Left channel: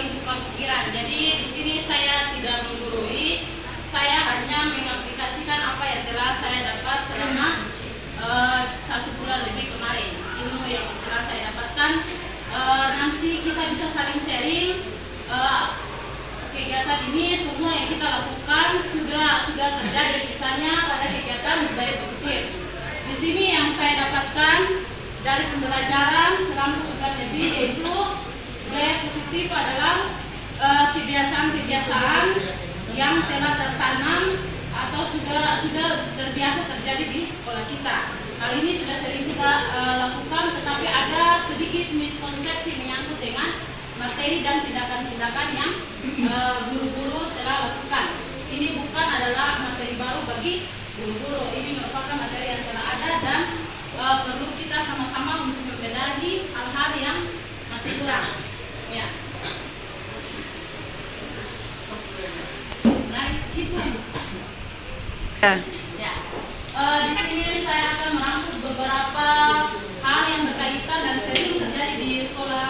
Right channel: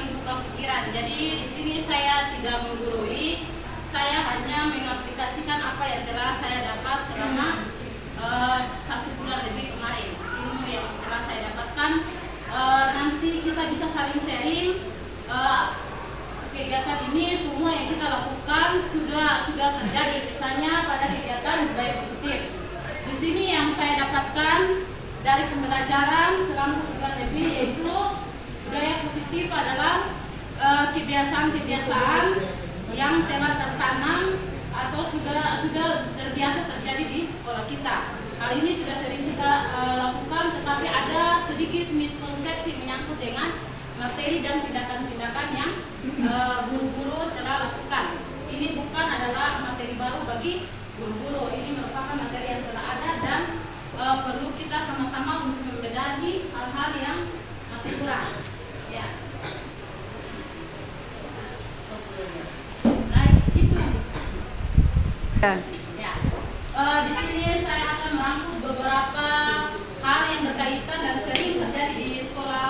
saling tukar pikiran. Jadi di sini saya tidak menggurui, saya hanya mengaplikasikan apa yang telah saya dapat selama 1 bulan lebih kemarin. Ilmu yang telah saya dapatkan, nanti kita bisa saling sharing. Kegiatan ini semua yang kita lakukan sudah terjadi, misalnya pada kegiatan budaya positif. Di sini yang saya dapatkan dari pembelajaran selama 1 bulan lebih, yaitu budaya positif adalah kebiasaan-kebiasaan yang telah tertanam atau sudah terbiasa terjadi di sekolah kita. Hal ini sudah sering kita lakukan, tetapi ada sedikit miskonsepsi menyangkut dengan materi dan tindakan-tindakan yang guru-guru telah lakukan. Ini bukan adalah materi baru bagi guru-guru, ini merupakan materi yang telah ada dan perlu kita sama-sama untuk membenahi hal-hal yang masih kurang. Ya. Nah, itu. Ya. Di sini saya akan merangkum beberapa hal yang berkaitan dan sering terjadi di sekolah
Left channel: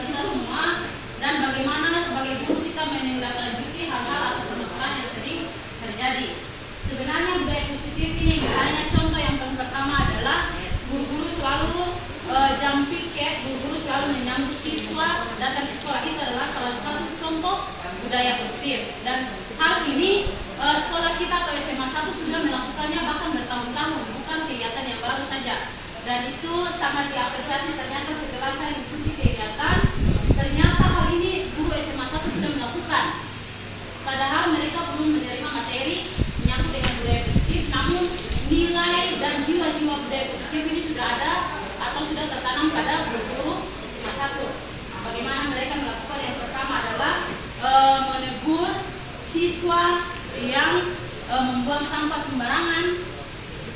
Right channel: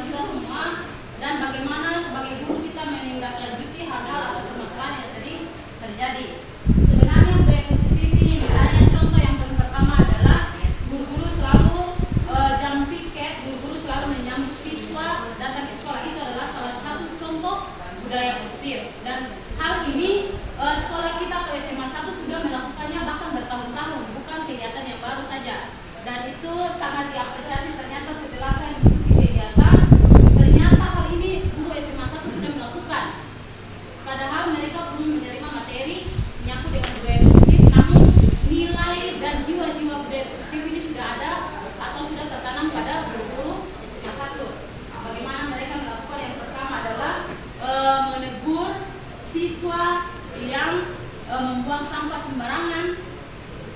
kita semua, dan bagaimana sebagai guru kita menindaklanjuti hal-hal atau permasalahan yang sering terjadi. Sebenarnya budaya positif ini, misalnya contoh yang pertama adalah guru-guru selalu jam piket, guru-guru selalu menyambut siswa datang ke sekolah. Itu adalah salah satu contoh budaya positif, dan hal ini sekolah kita atau SMA 1 sudah melakukannya bahkan bertahun-tahun, bukan kegiatan yang baru saja, dan itu sangat diapresiasi. Ternyata setelah saya mengikuti kegiatan, ternyata hal ini guru SMA 1 sudah melakukan, padahal mereka belum menerima materi menyangkut dengan budaya positif, namun nilai dan jiwa-jiwa budaya positif ini sudah ada atau sudah tertanam pada guru-guru SMA 1. Bagaimana mereka melakukan? Yang pertama adalah menegur siswa yang membuang sampah sembarangan.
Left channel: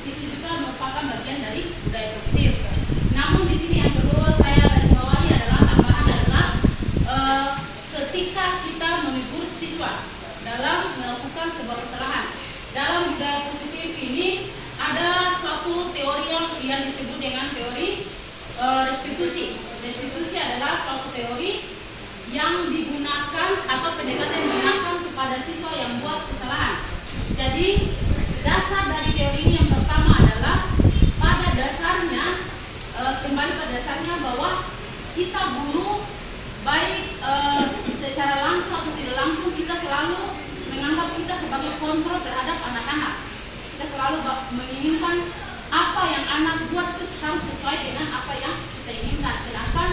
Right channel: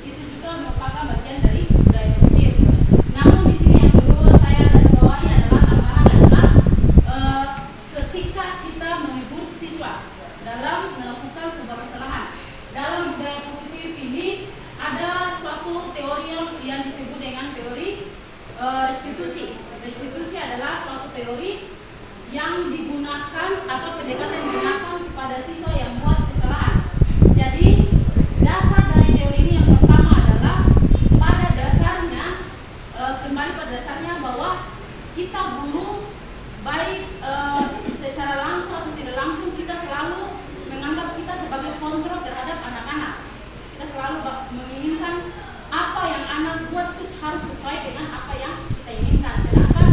Itu juga merupakan bagian dari budaya positif. Namun di sini yang perlu saya garis bawahi adalah tambahan adalah ketika kita menegur siswa dalam melakukan sebuah kesalahan. Dalam budaya positif ini ada suatu teori yang disebut dengan teori restitusi. Restitusi adalah suatu teori yang digunakan atau pendekatan yang digunakan kepada siswa yang buat kesalahan. Jadi dasar dari teori ini yang pertama adalah pada dasarnya kembali pada dasarnya bahwa kita guru baik secara langsung atau tidak langsung, kita selalu menganggap kita sebagai kontrol terhadap anak-anak. Kita selalu menginginkan apa yang anak buat itu harus sesuai dengan apa yang kita inginkan. Sedangkan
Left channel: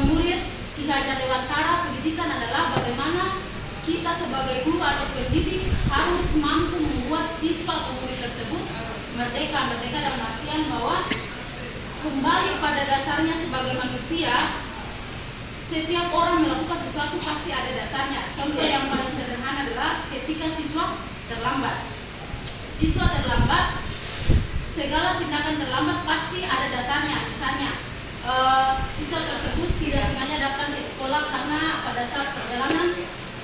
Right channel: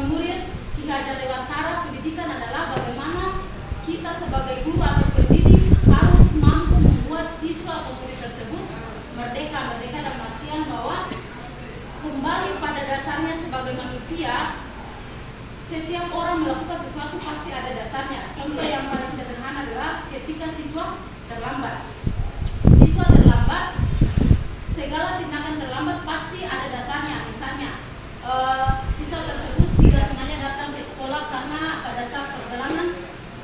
menurut Ki Hajar Dewantara, pendidikan adalah bagaimana kita sebagai guru atau pendidik harus mampu membuat siswa atau murid tersebut merdeka. Merdeka dalam artian bahwa kembali pada dasarnya sebagai manusia, setiap orang melakukan sesuatu pasti ada dasarnya. Contoh yang paling sederhana adalah ketika siswa terlambat. Siswa terlambat, segala tindakan terlambat pasti ada dasarnya. Misalnya siswa tersebut tidak sengaja datang ke sekolah karena pada saat perjalanan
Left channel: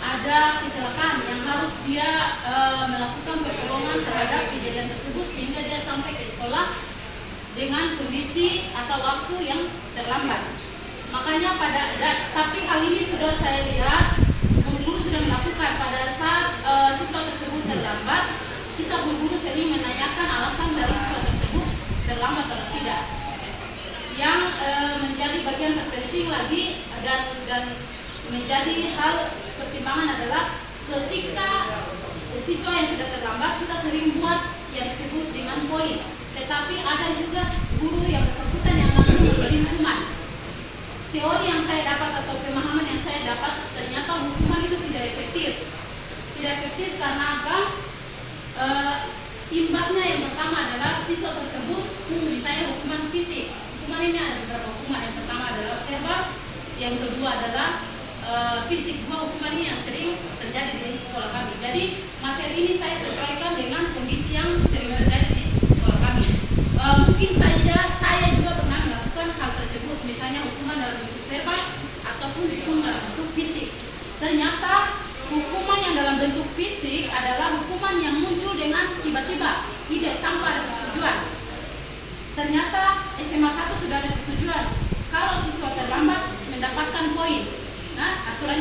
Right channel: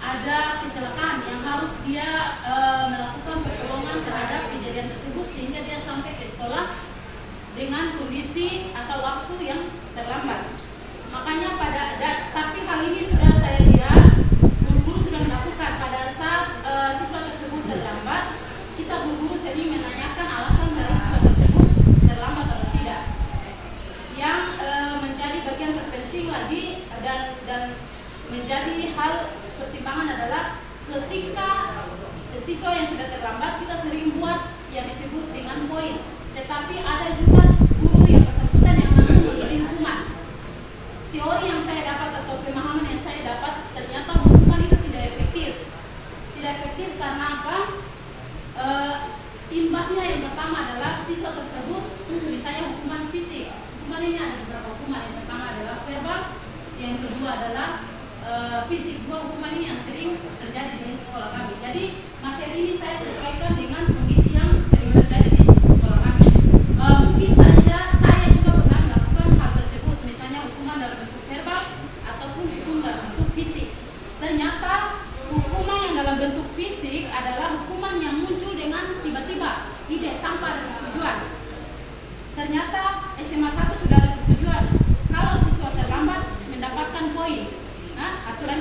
ada kecelakaan yang harus dia melakukan pertolongan terhadap kejadian tersebut sehingga dia sampai ke sekolah dengan kondisi atau waktu yang terlambat. Makanya tapi hal ini sudah saya lihat guru-guru sudah melakukan. Pada saat siswa tersebut terlambat, kita guru-guru sering menanyakan alasan dari siswa tersebut terlambat atau tidak. Yang menjadi bagian terpenting lagi dan menjadi hal pertimbangan adalah ketika siswa yang sudah terlambat, kita sering buat yang disebut dengan poin. Tetapi ada juga guru yang bersangkutan yang langsung memberi hukuman. Teori yang saya dapat atau pemahaman yang saya dapat, ternyata hukuman itu tidak efektif. Tidak efektif karena apa? Imbasnya yang pertama adalah siswa tersebut misalnya hukuman fisik. Hukuman ini ada beberapa hukuman. Yang pertama adalah verbal, yang kedua adalah fisik. Dua hukuman ini yang sering terjadi di sekolah kami. Jadi materi ini saya sesuaikan dengan kondisi yang sering terjadi di sekolah kami. Mungkin saja saya juga pernah melakukan hal tersebut, misalnya hukuman dalam bentuk verbal ataupun hukuman dalam bentuk fisik. Ternyata hukuman yang dalam bentuk fisik adalah hukuman yang muncul dengan tiba-tiba, tidak tanpa ada persetujuan. Ternyata SMA 1 sudah ada persetujuan. Kalau siswa terlambat mendapatkan poin. Nah, aturan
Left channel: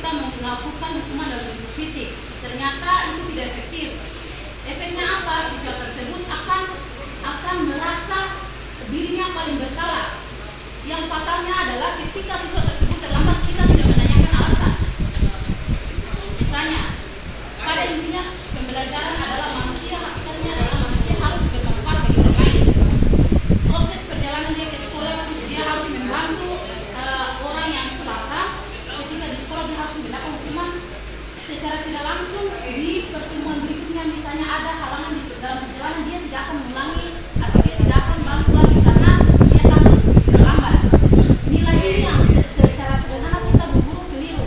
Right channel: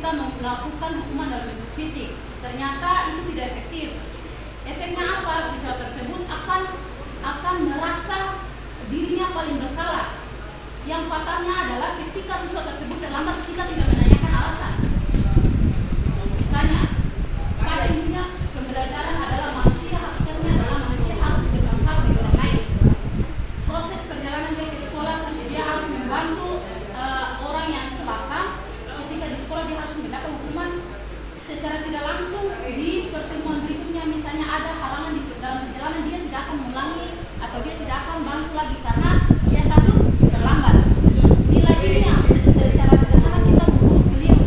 kita melakukan hukuman dalam bentuk fisik. Ternyata itu tidak efektif. Efeknya apa? Siswa tersebut akan merasa dirinya paling bersalah. Yang fatalnya adalah ketika siswa tersebut terlambat, kita tidak menanyakan alasan. Misalnya, pada intinya pembelajaran adalah manusia, hakikatnya adalah manusia harus bermanfaat bagi orang lain. Proses perjalanan dia ke sekolah, terus dia harus membantu orang yang celaka. Ketika di sekolah dia harus mendapat hukuman secara tidak langsung. Di pertemuan berikutnya misalnya ada halangan di dalam perjalanan, dia tidak akan mengulangi atau dia tidak akan bantu lagi karena dia takut terlambat. Nilai ini yang secara sederhana kita guru keliru.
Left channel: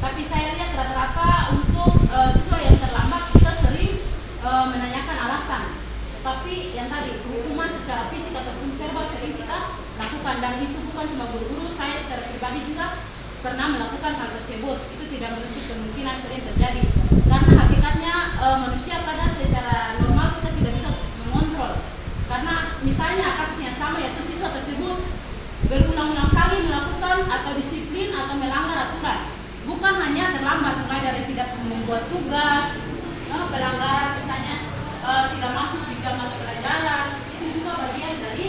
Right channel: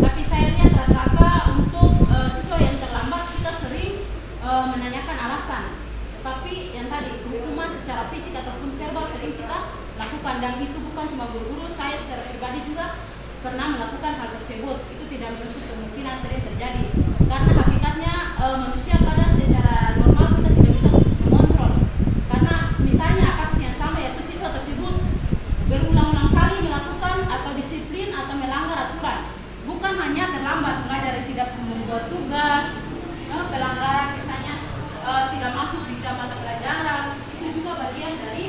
Tapi saya lihat rata-rata untuk siswa yang terlambat kita sering menanyakan alasan. Tapi yang tadi hukuman secara fisik ataupun verbal sering kita lakukan, dan itu bukan cuma guru-guru, saya secara pribadi juga pernah melakukan hal tersebut. Itu tidak menutup kemungkinan sering terjadi karena hakikatnya manusia pada secara normal kita tidak bisa mengontrol. Karena misalnya kasus yang sama, yaitu siswa tersebut berulang-ulang kali melakukan atau disiplin atau melanggar aturan, bukan hanya terlambat, mulai dari tidak membuat tugas, pelanggaran misalnya tidak masuk di jam mata pelajaran, itu juga bagian dari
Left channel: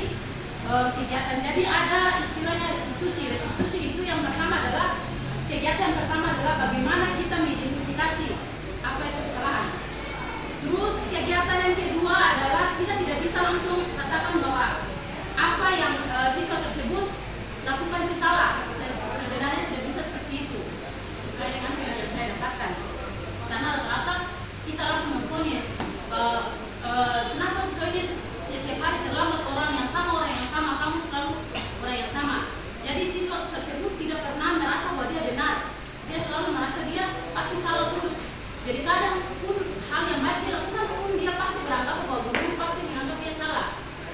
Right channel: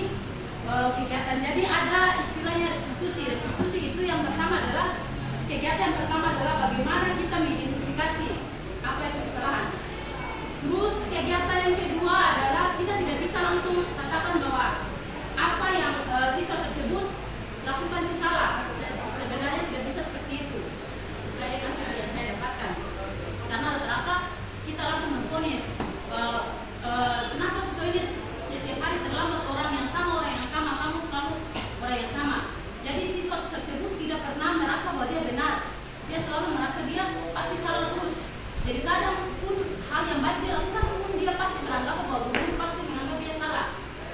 kegiatan. Jadi ada istilahnya restitusi. Restitusi itu yang pertama adalah kegiatan yang pertama adalah bagaimana kita mengidentifikasi apa itu kesalahan. Terus kegiatan yang kedua adalah kita tidak bisa langsung katakan bahwa apa yang siswa tersebut lakukan itu salah. Sebenarnya tidak bisa seperti itu sesuai dengan yang saya dapatkan. Karena rata-rata kita langsung memvonis kenapa siswa ini setiap hari terlambat, orang yang sama, kamu selalu orang yang sama. Jadi siswa tersebut tidak pernah merasa bahwa dia benar, dia selalu merasa dia pasti salah terus. Jadi kadang pun hal yang baik dia lakukan pun dia pasti beranggap bahwa guru pasti menganggap dia salah.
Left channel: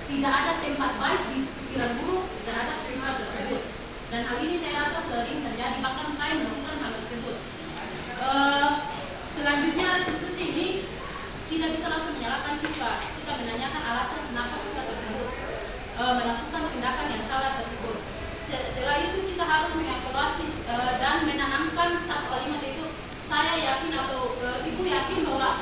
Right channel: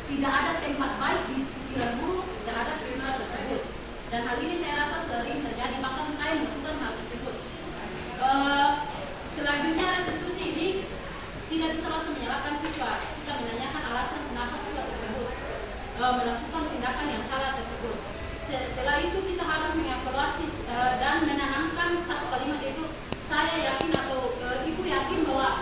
Tidak ada tempat baik di pikiran guru terhadap siswa tersebut. Dan hal ini saya rasa sering terjadi, bahkan saya melakukan hal tersebut. Selanjutnya restitusi ini tidak bisa langsung menyalahkan siswa. Kita menanyakan alasan kenapa siswa tersebut melakukan tindakan yang salah tersebut. Setelah itu kita harus mengevaluasi dan menanamkan satu kalimat, itu saya yakin atau ibu yakin bahwa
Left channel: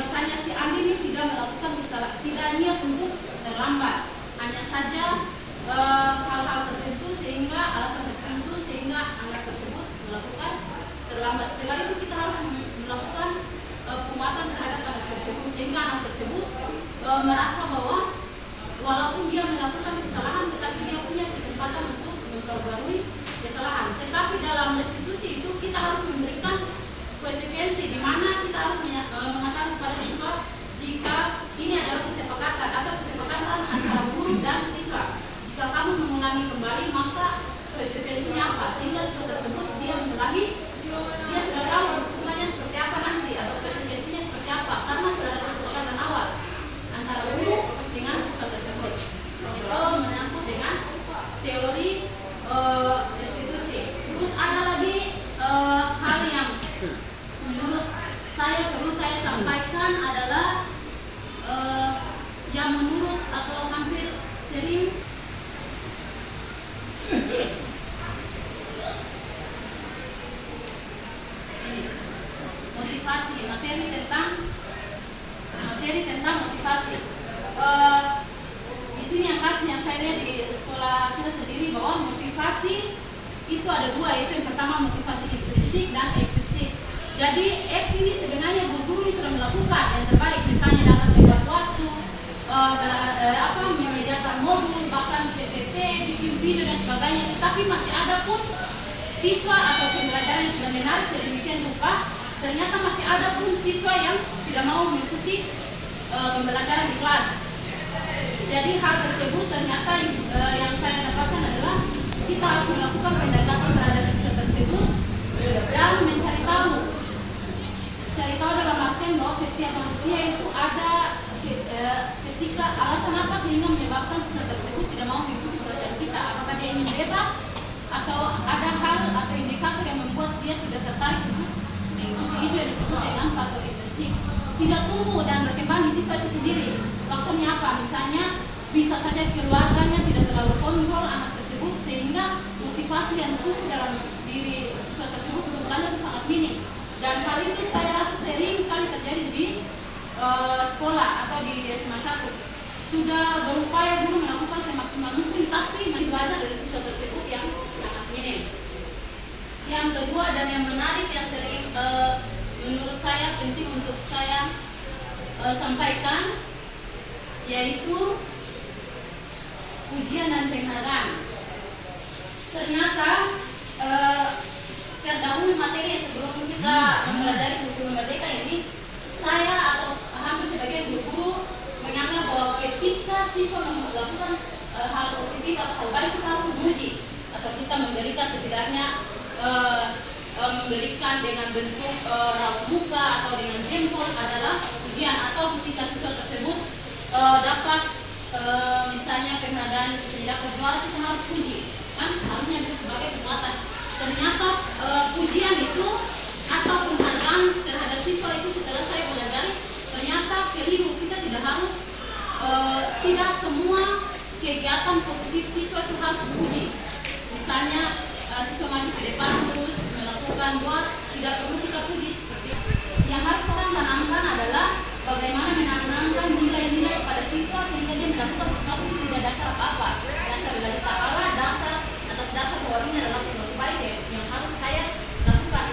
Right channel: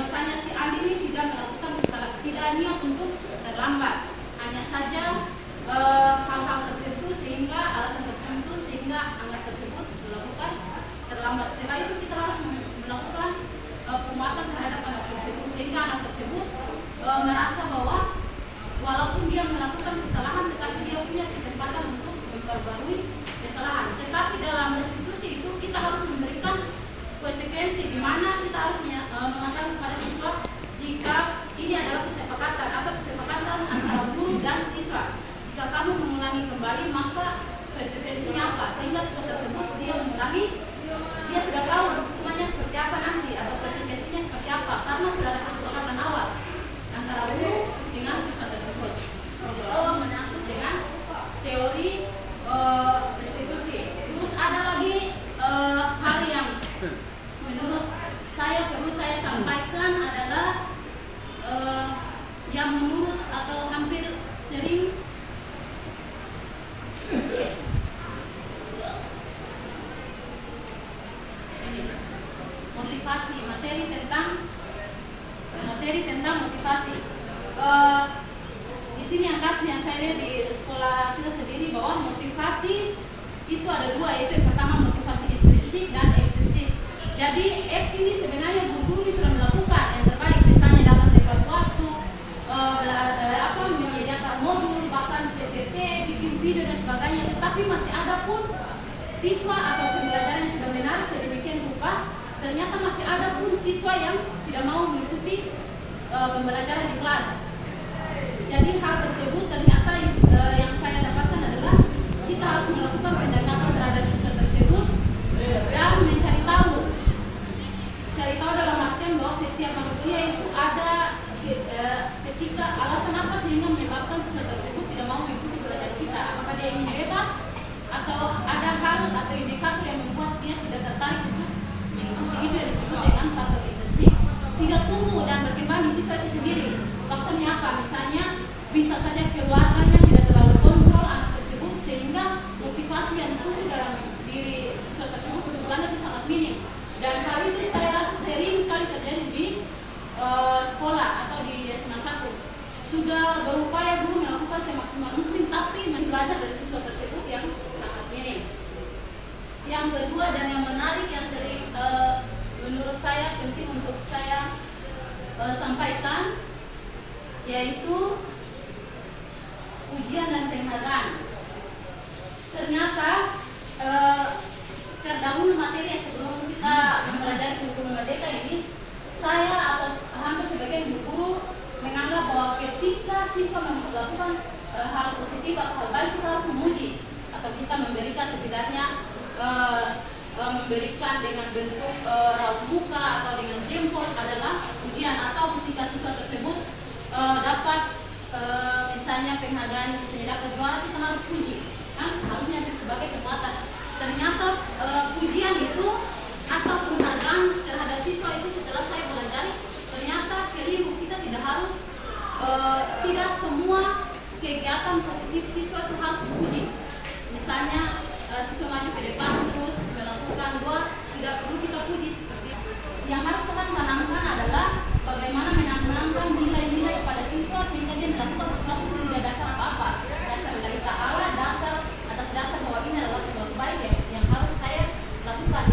misalnya si Andi ini tidak melakukan kesalahan, tidak niat untuk terlambat, hanya saja hal-hal tertentu sehingga alasan tertentu sehingga anak tersebut melakukan terlambat. Setelah itu kita harus melakukan penguatan terhadap anak tersebut sehingga anak tersebut merasa bahwa walaupun dia melakukan kesalahan tetapi dia punya kesempatan untuk memperbarui kesalahan. Tetapi dalam restitusi itu kita harus memberikan konsekuensi di mana kita harus mengatakan kepada siswa jika ini adalah kesepakatan atau kesepakatan antara guru dan siswa. Jika kamu mengulangi kembali maka konsekuensinya apa, sehingga siswa tersebut dia mengulangi, dia sudah tahu hukumannya seperti apa nanti atau konsekuensinya seperti apa karena sudah ada kesepakatan awal antara guru dengan siswa tersebut. Itu menyangkut dengan teori restitusi. Terus ada lagi hal yang menurut saya perlu saya sampaikan adalah yang menurut atau hampir sering ini motivasi, materi tentang motivasi. Di sini yang kasus yang saya lihat di sekolah kita sendiri bahwa motivasi itu ada dua, yaitu yang pertama motivasi intrinsik dan ekstrinsik. Jadi X ini sebenarnya guru sudah melakukan yang terbaik, misalnya dalam tenggat waktu, menyediakan modul, bahkan PPT, bikin video dan sebagainya. Tetapi masih ada pun siswa atau pembelajaran yang sudah menarik sedemikian rupa, ternyata masih ada pun siswa yang tidak mau mengikuti pembelajaran di kelas. Jadi hal tersebut ternyata yang saya dapatkan adalah kita harus melakukan pendekatan terhadap siswa tersebut dan mencari tahu. Cari tahu dalam artian bahwa setiap manusia itu ada ketika alasan apa sehingga menyebabkan siswa tersebut tidak mau mengikuti pelajaran kita. Apakah dia ingin bebas atau ada hal atau indikator yang membuat dia tidak tertarik untuk mengikuti. Itu yang disebut dengan faktor intrinsik. Tidak tumbuh dan berkembang di siswa itu sendiri. Faktornya apa? Misalnya bisa saja keluarganya tidak terlalu kontrol anak tersebut sehingga motivasi yang tumbuh dalam diri siswa tersebut kebetulannya itu sangat minim, dan hal itu saya rasa sering sekali terjadi di sekolah atau di SMA 1. Sudah berupaya guru melakukan semaksimal mungkin, tapi masih belajar dari siswa tersebut yang sangat minim. Yang kedua dan yang menarik yang sering menurut saya penting untuk saya sampaikan, yaitu ujian dan penghargaan. Ternyata terdahulu materi sebelum kita mempelajari kurikulum merdeka ini, saya atau hampir sebagai guru menganggap bahwa ketika siswa melakukan hal positif atau hal baik, kita harus memuji atau kita memberikan setidaknya memberikan dengan bentuk raut muka atau dengan jempol adalah ujian, atau ketika siswa tersebut dapat misalnya penghargaan bisa dapat juara, kita harus puji, kan harusnya itu sebagai peringatan. Ternyata pujian itu atau penghargaan terhadap siswa itu setelah saya pelajari ternyata keliru. Kita tidak harus tidak semua kegiatan positif siswa itu harus dipuji. Misalnya siswa maju ke depan terus melakukan doa, tidak perlu kita puji seperti itu. Yang harus orang tanamkan adalah bagaimana menanamkan nilai-nilai pada siswa sehingga dia melakukan sesuatu tidak dasar apa-apa, dasar dari ta'ala, dasar atas dasar bahwa ini adalah sesuatu baik yang harus saya lakukan.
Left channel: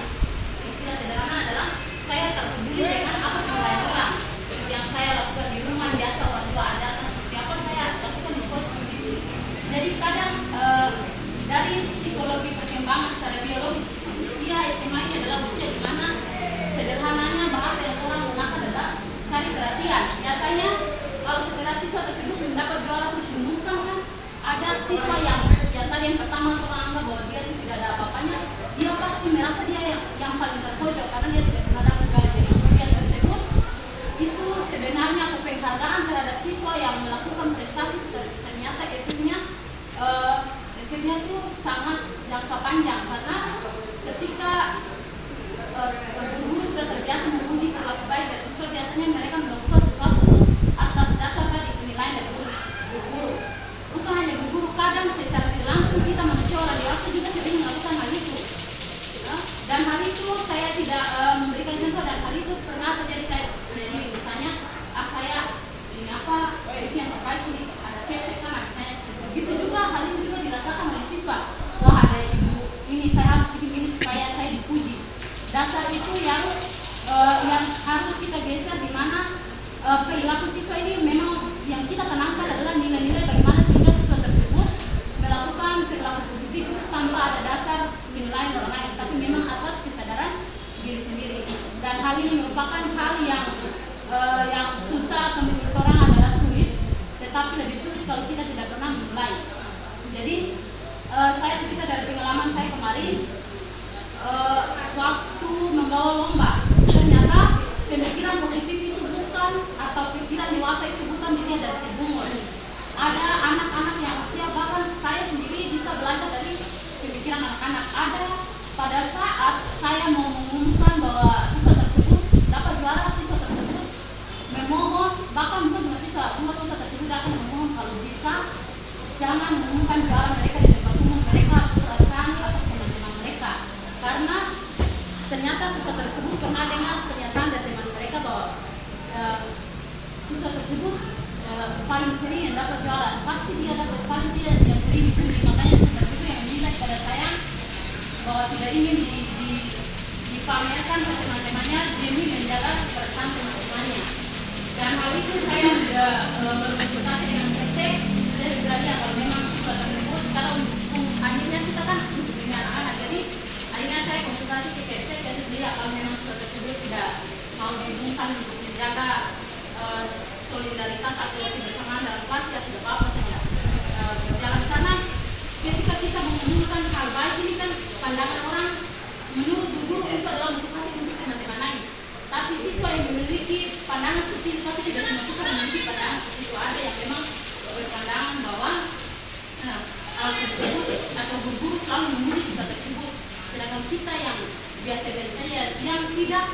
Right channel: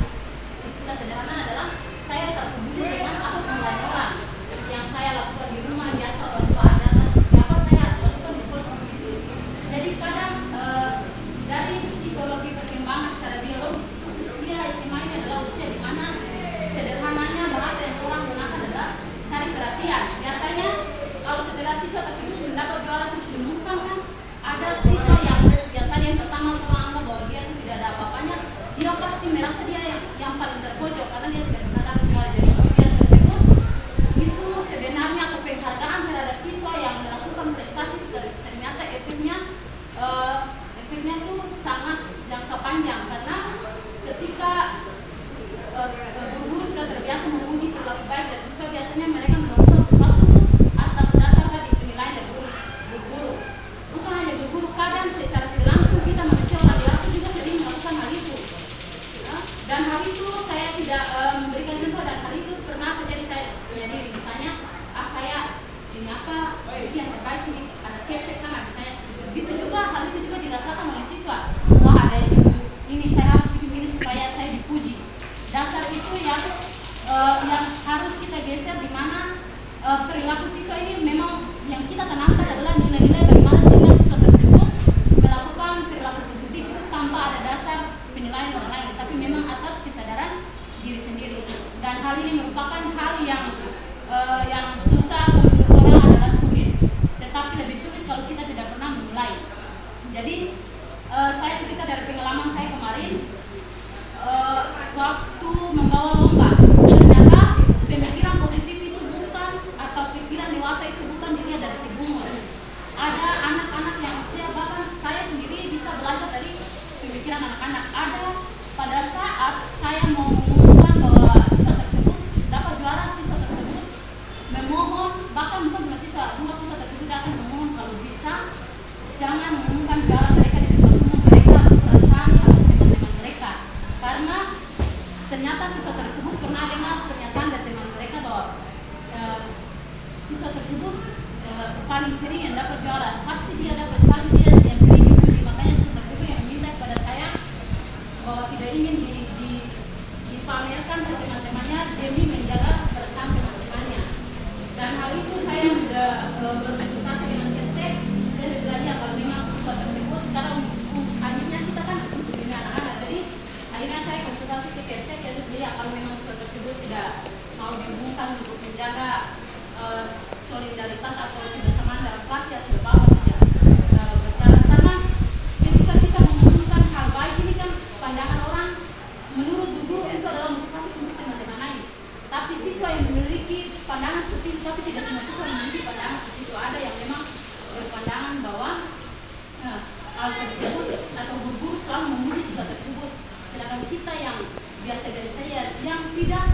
Istilah sederhana adalah saya tak peduli dengan apa penilaian orang. Yang saya lakukan di rumah biasa orang tua ada seperti apa, saya lakukan di sekolah seperti itu. Jadi kadang dari psikologi perkembangan secara biologis itu usia SMA ini adalah usia di mana sederhananya bahasa yang orang gunakan adalah cari perhatian. Biasanya kalau setelah siswa tersebut mendapat juara terus diumumkan, kan ada siswa yang tadi yang pertama orang anggap bahwa dia tidak ada apa-apanya, dia pasti merasa dia yang paling terpojok karena dia tidak pernah dapat juara. Jadi ujian tersebut itu sebenarnya penghargaan terhadap siswa yang melakukan prestasi, ternyata efeknya tuh sangat jangka panjang, karena ketika guru sudah terbiasa memuji perilaku baik dari siswa, biasanya mereka melakukan sesuatu atas dasar tadi penilaian dari guru. Bukan hanya guru, kadang secara tidak langsung kita manusia orang dewasa juga sering melakukan hal itu. Dan hal itu saya tidak memberikan contoh, dan hal itu pernah terjadi saya sendiri. Misalnya, saya ini apa, ini yang terbaik ini, ada KFC sana misalnya. Begitu juga hal itu juga dirasakan oleh siswa. Wah, ada ini saya harus bikin ini supaya saya dipuji. Dasar itu yang harus kita geser, di mana perilaku siswa ini memang yang kita tanamkan adalah nilai-nilai bagaimana sehingga siswa tersebut melakukan perilaku positif itu tanpa ada dasar penilaian orang lain, tapi memang atas kesadaran diri sendiri. Dan hal ini merupakan hal yang susah atau menurut orang adalah sulit, tetapi lebih sulit kalau kita tidak pernah memulai. Jadi saya cerita dari pengalaman saya kemarin waktu membawa lomba. Ternyata pemikiran positif itu bukan, atau pikiran dewasa itu bukan dilihat dari segi umur. Ada anak-anak yang usia, bahkan saya sendiri bisa belajar dari pemikiran anak-anak. Ada pada saat saya mau mengumumkan bahwa siswa tersebut dapat juara, siswa tersebut memohon, bahkan bukan dua siswa tersebut datang memohon kalau bisa jangan mengumumkan juara mereka di depan umum, mereka perasaan atas teman-teman mereka, karena ternyata siswa tersebut pernah dengar pernyataan dari teman mereka bahwa siswa tersebut paling sering yang dapat juara, pasti dia dapat paling tidak yang sering dipuji. Makanya siswa tersebut yang meminta kepada saya bahwa tidak ingin dipamerkan ke teman-temannya demi menjaga kebersihan teman-temannya. Dan hal itu saya sudah berkonsultasi dengan Persek. Saya bilang ya, kalau memang siswa tersebut sekarang akhirnya kita kan untuk anak-anak, jadi akhirnya saya konsultasi ke Persek. Jadi beliau kalau memang siswa tersebut tidak mau diumumkan untuk menjaga solidaritas atau kebersamaan dalam kelas, ya tidak apa-apa saja berjalan. Karena ketika kita mengumumkan hal baik ini kan pandangan orang menurut guru itu adalah motivasi untuk teman-teman lain. Tapi siswa yang memiliki pandangan seperti itu, tapi tidak semua siswa memiliki pandangan seperti itu. Ada yang memang berpandangan bahwa hal tersebut atau guru selalu memuji siswa tersebut, sedangkan kita yang biasa-biasa yang tidak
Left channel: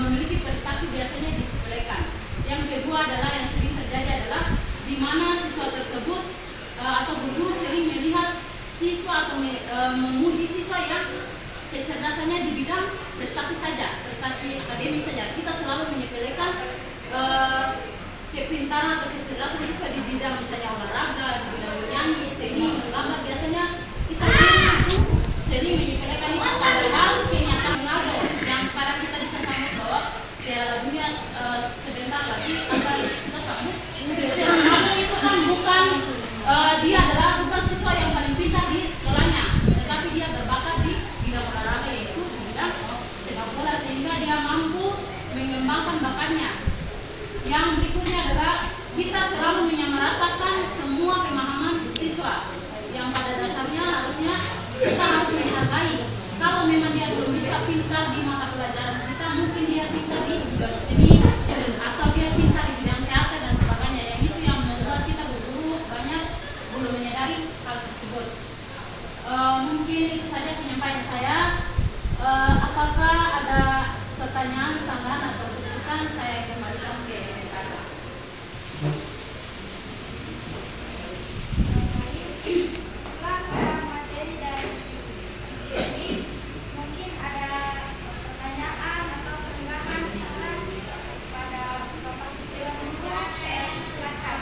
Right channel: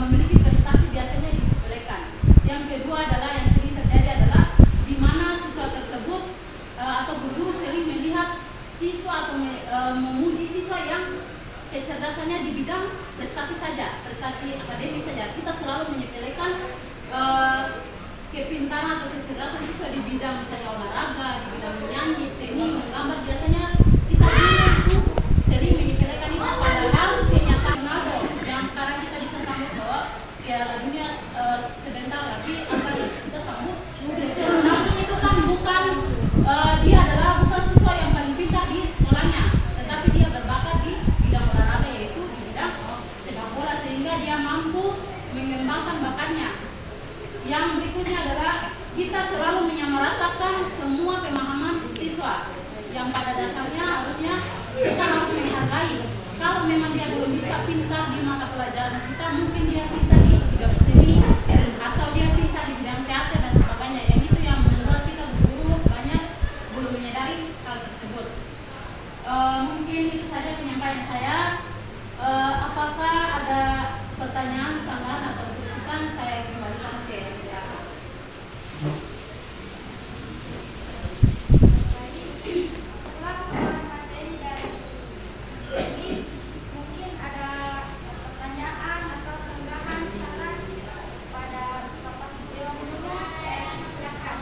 memiliki prestasi biasanya disepelekan. Yang kedua adalah yang sering terjadi adalah di mana siswa tersebut atau guru sering melihat siswa atau memuji siswa yang prestasi saja, prestasi akademik saja. Kita selalu menyepelekan kepintaran atau kecerdasan siswa di bidang misalnya olahraga, di bidang menyanyi, seni, menggambar. Biasanya kita itu sering menyepelekan itu, padahal kenyataan ada yang sekarang kita bisa sambut bahwa Piala Dunia sebentar lagi akan kita sambut. Itu kan bukan dia adalah bukan siswa yang paling pintar di sekolahnya, tetapi dia berbakat di bidang olahraga, yaitu di bidang sepak bola, sehingga dia mampu mengembangkan bakatnya. Yang berikutnya adalah kita selalu menyamaratakan semua pemahaman siswa, yang pada dasarnya harusnya kita harus menghargai. Kalau memang dia belum bisa pintar di mata pelajaran kita, mungkin dia pintar di bidang seni atau dia pintar di bidang teater dan sebagainya. Yang itu yang membuat kita guru banyak belum menyadari hal tersebut. Mungkin itu saja penyampaian saya. Apakah ada pertanyaan, sanggahan atau kritikan? Saya kembalikan ke Kakak. Mungkin ada pertanyaan atau sanggahan saran pada Bapak Tujuan Guru, silakan.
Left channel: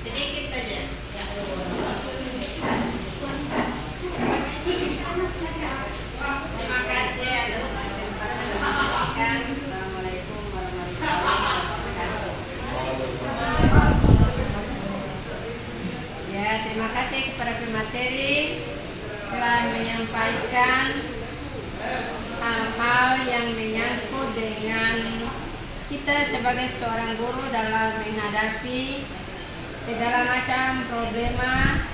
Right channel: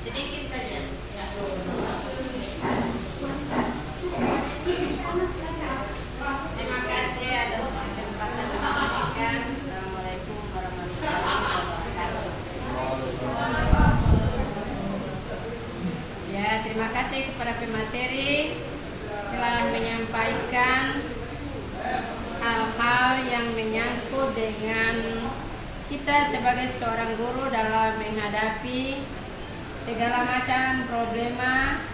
Sedikit saja. Ya. Terima kasih atas kesempatan yang diberikan. Assalamualaikum warahmatullahi wabarakatuh. Ya, terima kasih kepada pemateri telah menyampaikan hal-hal yang menyangkut dengan kita sebagai seorang guru dalam menghadapi segala macam problema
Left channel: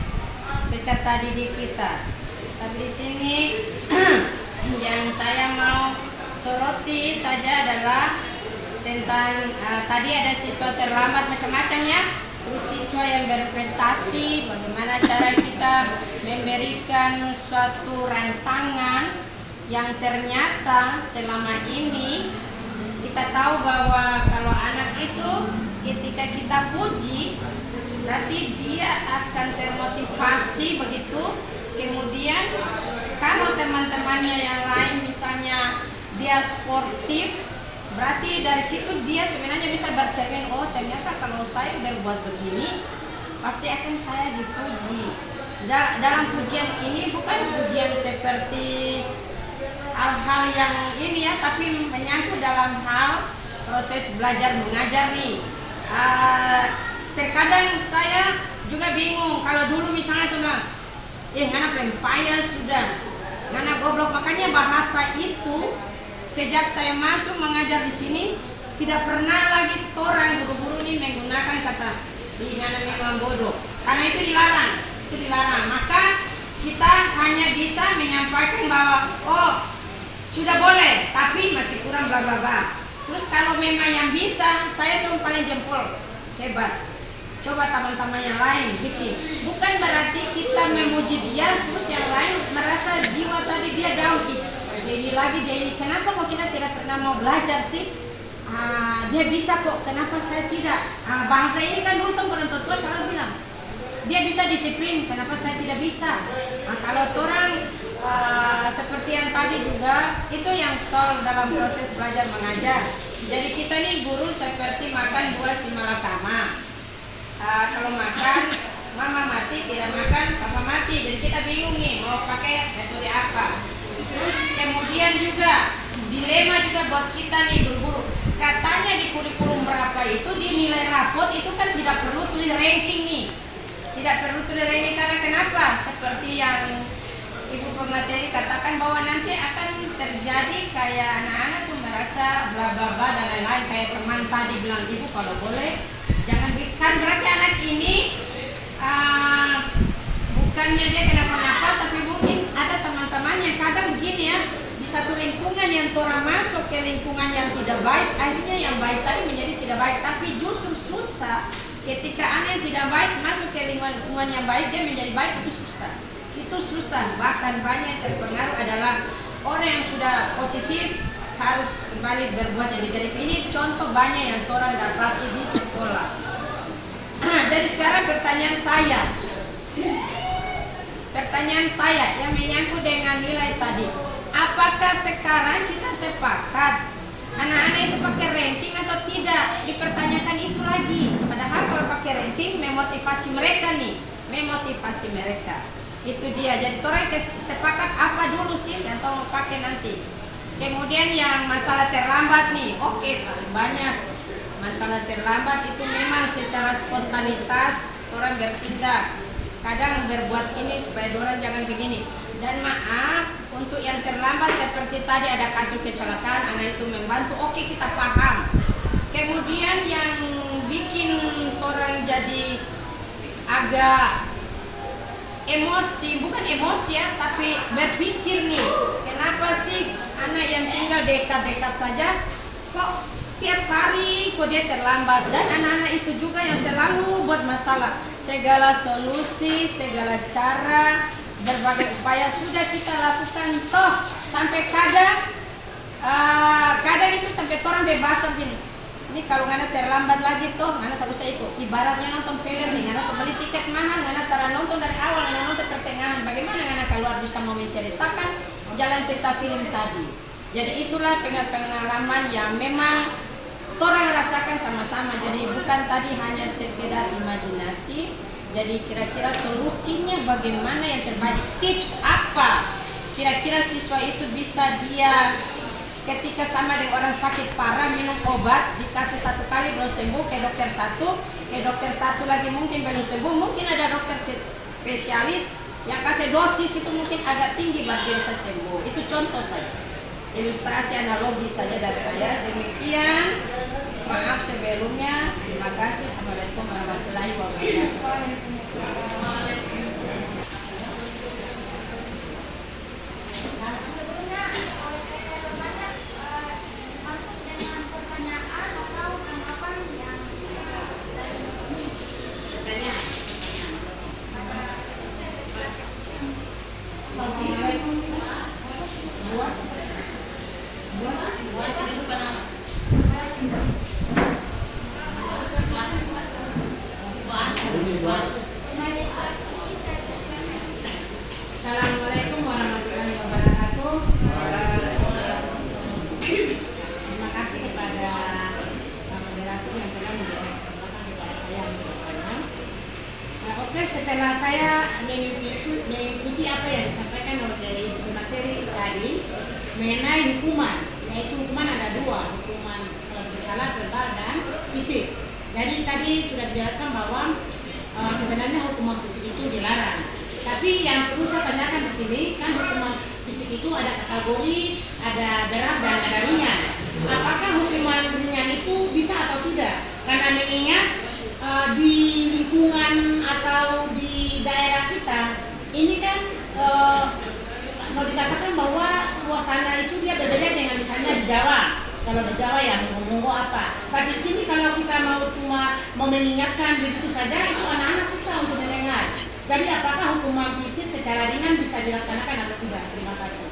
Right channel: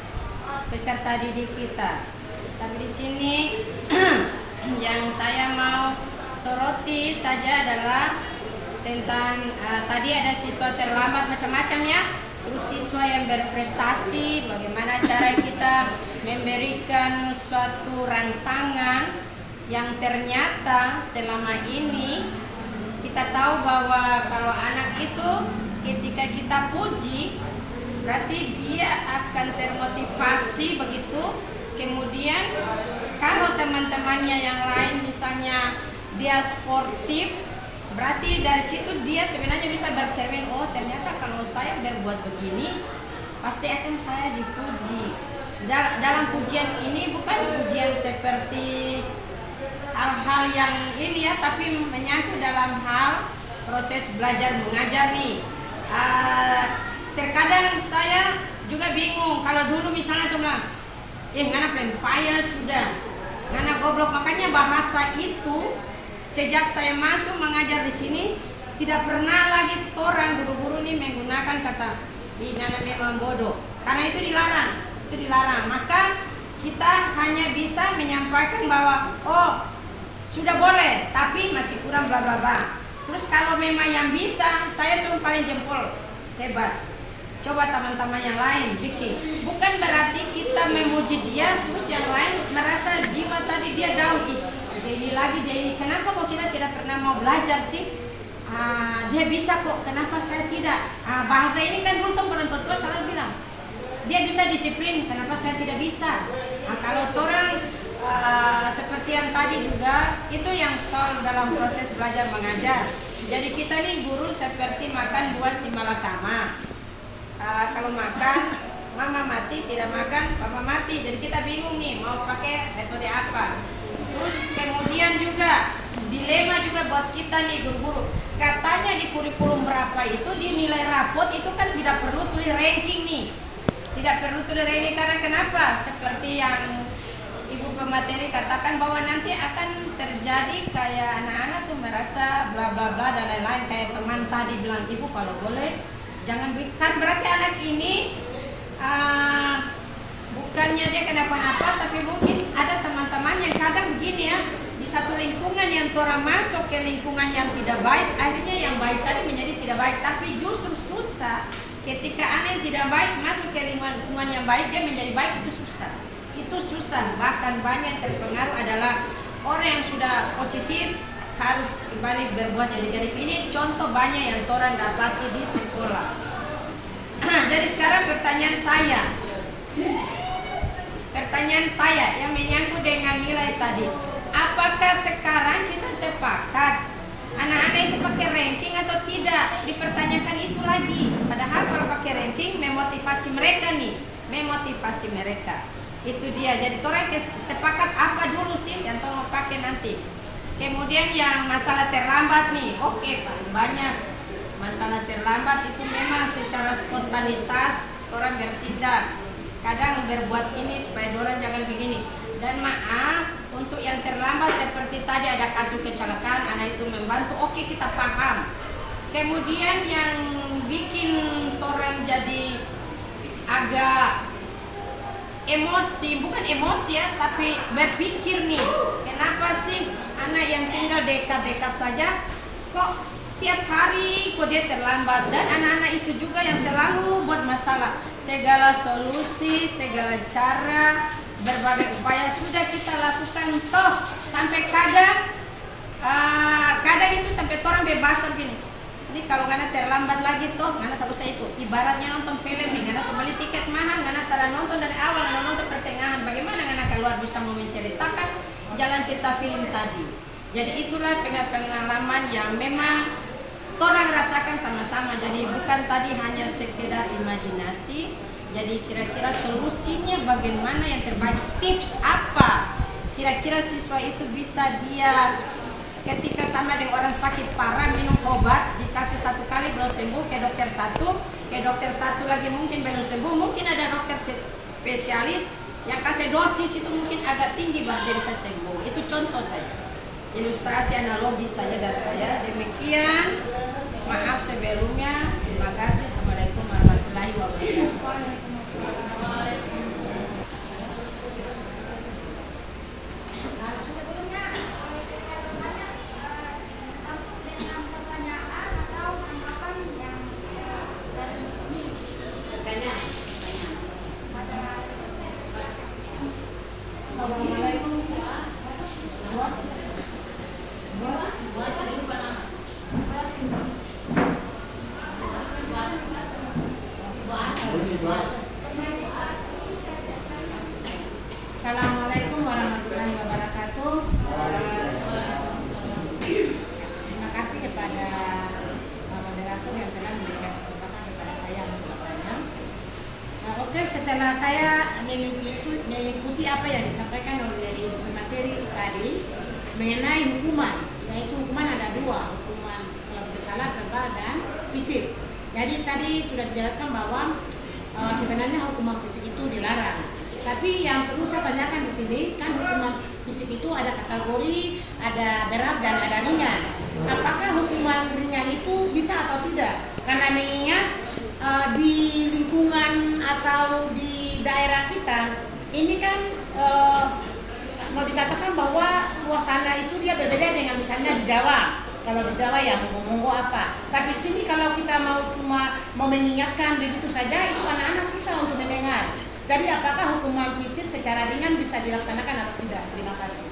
peserta didik kita. Tapi di sini yang saya mau soroti saja adalah tentang tadi ada siswa terlambat macam-macam ya. Terus siswa yang berprestasi, bagaimana cara kita memberikan suatu rangsangan yang ternyata selama ini kita tahu bahwa kalau anak itu ketika kita puji berarti dia akan termotivasi begitu. Kemudian kalau teman-temannya yang lain misalnya dia sportif, berarti dari situ dia sebenarnya bisa bercermin, oh ternyata kalau saya berbuat begini pasti akan saya dipuji. Dalam pujian ini bukan pujian seperti hal-hal yang ini ya, tapi menyangkut dalam hal proses belajar mengajar nih. Terkadang saya juga bingung kalau dulu misalnya tuh bilang, ngana pempaya sudah, ngana goblok. Makanya bahasa itu sejak saya masuk mengajar di sini tidak pernah lagi orang guru-guru ini menggunakan kata ngana memang bodoh, karena itu dilarang. Maka kita hanya bisa menyampaikan bahwa oh sudah boleh, tapi masih kurang bla bla bla. Terus kalau memang yang bisa, saya sumpahin jempol, hebat. Coba teman-teman yang lain bikin. Bukan berarti kita memuji dia, terus yang lain merasa jiwa tadi dia down. Dia ini. Kenapa kok kita tidak pernah mau belajar sih? Dia bisa kok, kenapa saya tidak? Bahasa ini kan dulu orang tua selalu bilang, dia bisa disiplin, kenapa saya tidak bisa? Kalau orang seperti yang tadi juga, itu yang soal dalam proses belajar mengajar. Jadi kita nih guru seperti makan buah si malakama. Kalau makan, mama mati, tidak makan, papa mati. Jadi kita bingung nih mau pakai metode apa. Terus kemudian juga dilema juga buat kita nih guru-guru. Katanya di kurikulum berapa itu di nilai rapot itu kan tidak perlu tulis ranking nih. Tidak perlu tulis ranking karena kenapa? Seperti yang Ibu pemateri katakan bahwa nanti akan terjadi kayak anak-anak tuh merasa bla bla bla dan lain-lain, kayak teman tadi bilang, ibu kalau boleh jangan bikin, berarti anak ini bukannya dia kenapa-napa, tapi mungkin ada teman-teman yang kadang begini ya, di satu lingkungan yang orang masuk ke lingkungan yang tidak baik, akhirnya yang baik tadi menjadi tidak baik. Tapi justru susah ketika anak yang tidak baik masuk ke lingkungan yang baik, dia menjadi baik, itu susah. Bahkan banyak terpengaruh adalah orang yang sudah positif harus kembali berbuat jadi negatif. Ini contoh banyak yang orang dapati di sekolah. Jadi sekarang pertanyaan saya, Pertanyaan saya yang menyangkut dengan nilai tadi, apakah sekarang kita sepakat anak-anak itu pakai ranking atau tidak? Dipertanyakan itu lagi. Padahal kalau pakai ranking memotivasi mereka nih, memotivasi mereka. Itu dia. Jadi orang sepakat apa dulu sih yang mau pakai nanti. Kemudian yang masalah terlambat nih, oke, paling banyak masalah terlambat itu memang secara spontanitas orang bertindak. Kadang berbuat ini supaya orang jangan begini. Dan maaf untuk yang terlambat seperti tadi ada kasus kecelakaan, anak itu membantu, oke, kita paham. Kemudian yang bikin orang jadi agak emosi, bukan emosi ya, tapi berpikir nih, kenapa sih anak yang tinggal dekat-dekat saja kok tiap hari kok dia terlambat. Dan anak-anak itu juga yang selalu buat masalah. Segala solusi, segala cara, berbagai upaya sudah kita lakukan toh, sampai kadang itu sampai orang bebas begini. Ini kalau ngana terlambat lagi toh, ngana tak usah ikut. Ibaratnya nonton film nih, ngana beli tiket mahal, ngana tara nonton dari awal, ngana nonton pertengahan. Bagaimana ngana keluar bisa mau menceritakan jalan cerita film tadi. Jadi itulah pengalaman yang memang orang rasakan sama-sama. Jadi bukan tadi hanya sekedar imajinasi. Jadi kira-kira solusinya bagaimana yang terbaik, tips apa kira-kira siswa itu bisa dia ketika sama dengan orang sakit parah minum obat, dikasih 1 kali belum sembuh ke dokter satu lagi mungkin belum sembuh, mungkin ada dokter spesialis yang kasih dosis itu mungkin agak tinggi baru dia bisa sembuh. Itu contoh saja, ilustrasi analogi saja dari saya. Demikian, maaf sebelumnya, terima kasih. Assalamualaikum warahmatullahi wabarakatuh. Masuk dengan pertanyaan atau tanggapan yang dari ini. Assalamualaikum. Assalamualaikum warahmatullahi wabarakatuh. Terima kasih kepada moderator yang telah memberikan kesempatan kepada saya untuk bertanya. Oke, setelah saya mengikuti apa yang disampaikan oleh ibu materi tadi mengenai hukuman, yaitu hukuman ada 2, hukuman kalau tidak salah verbal dan fisik. Jadi tadi sudah dijelaskan bahwa sebenarnya hukuman fisik itu dilarang. Tapi yang perlu saya tanyakan di sini kan hukuman fisik itu ada kategori, ada berat dan ada ringan. Apakah hukuman ringan itu bisa atau tidak? Karena mengingat di lingkungan atau di daerah kita ini kan mau dikatakan bahwa suasana itu dia berbeda dengan misalnya di Jawa. Kalau di Jawa ya monggo-monggo apa. Tapi di sini kalau kita cuma mau mengingatkan begitu saja, itu anak-anak susah untuk mendengar. Jadi apakah hukuman fisik secara ringan bisa dilaksanakan atau tidak? Terima kasih.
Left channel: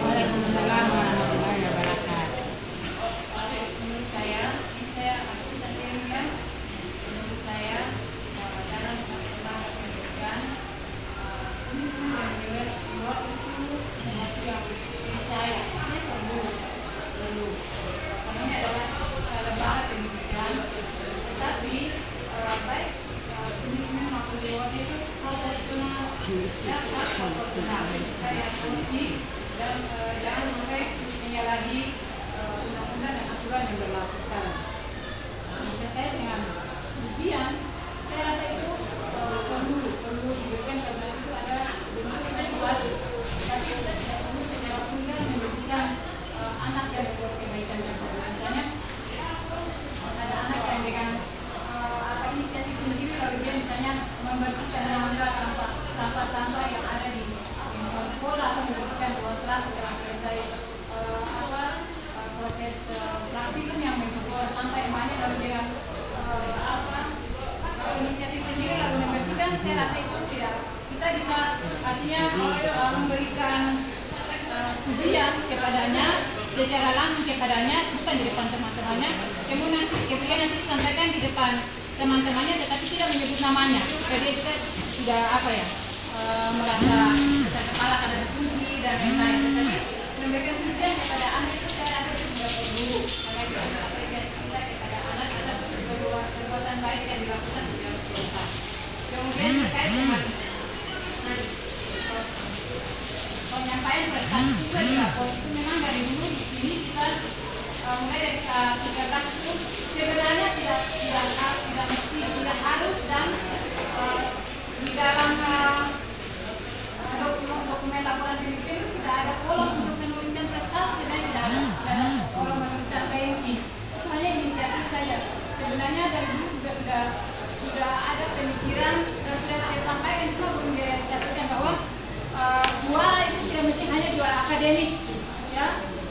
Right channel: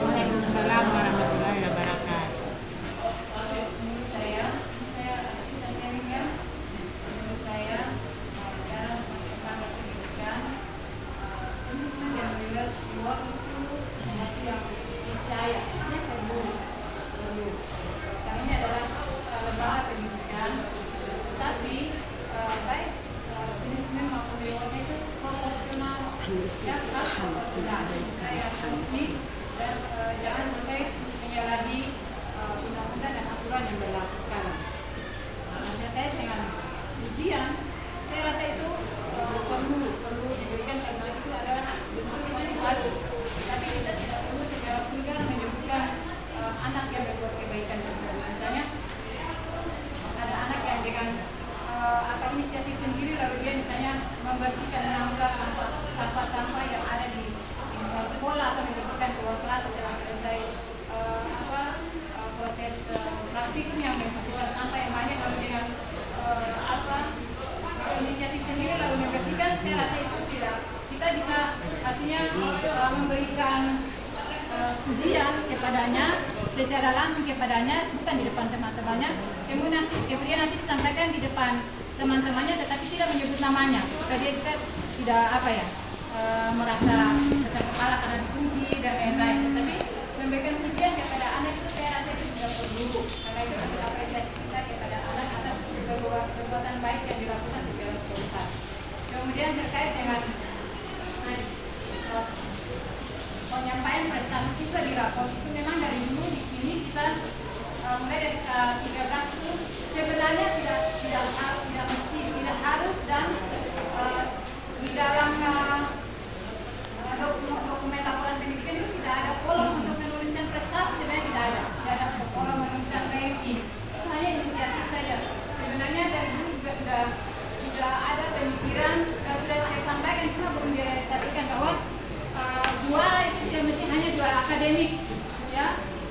Waalaikumsalam warahmatullahi wabarakatuh. Menurut saya kita sharing ya. Menurut saya dalam satu tangga pendidikan tulisan yang dibuat itu sesuatu yang niscaya ini perlu karena ini adalah lembaga pendidikan, tetapi baik tulisan maupun reward itu proporsional dan harus proporsional. Saya porsi dan jangan sampai menyalahi undang-undang dan aturan yang berlaku sekarang. Terkait dengan ujian, saya rasa itu perlu diberikan karena itu adalah bentuk motivasi. Tapi kita tidak perlu secara vulgar menyebutkan anak yang berbuat kebaikan tersebut. Misalnya ada anak yang dengan inisiatif sendiri lalu dia misalnya membersihkan mengangkat sampah-sampah yang ada di lingkungan sekolah atau membersihkan ruang kelas setelah selesai proses praktikum yang membersihkan sampah yang banyak lalu dengan inisiatif sendiri lalu membersihkan. Saya rasa itu tidak, kita bisa artinya memberikan ujian kepadanya secara langsung kepadanya, bukan di depan teman-temannya. Kemudian nanti disampaikan di depan teman-temannya, tetapi tidak menyebut namanya, supaya dia juga tidak merasa besar kepala karena dipuji dan lain-lain. Tetapi memberikan pujian kepada anak itu saya rasa itu juga perlu, karena itu bentuk apresiasi kita kepada anak atas perbuatan baik yang dilakukan secara spontan. Kemudian terkait dengan penyampaian prestasi juga di rapor itu, memang dari dulu di sini kita mulai dari K13 itu sebenarnya tidak mesti, tidak harus, dan di dalam dokumen laporan pendidikan itu tidak ada kolom untuk menuliskan prestasi, sebenarnya tidak ada kolom menuliskan ranking. Itu hanya inisiatif saja. Sebenarnya dari dulu juga sudah ada pemikiran dan sudah saya sampaikan, cuma belum direalisasikan bahwa juara itu tidak mesti hanya juara akademik, ya.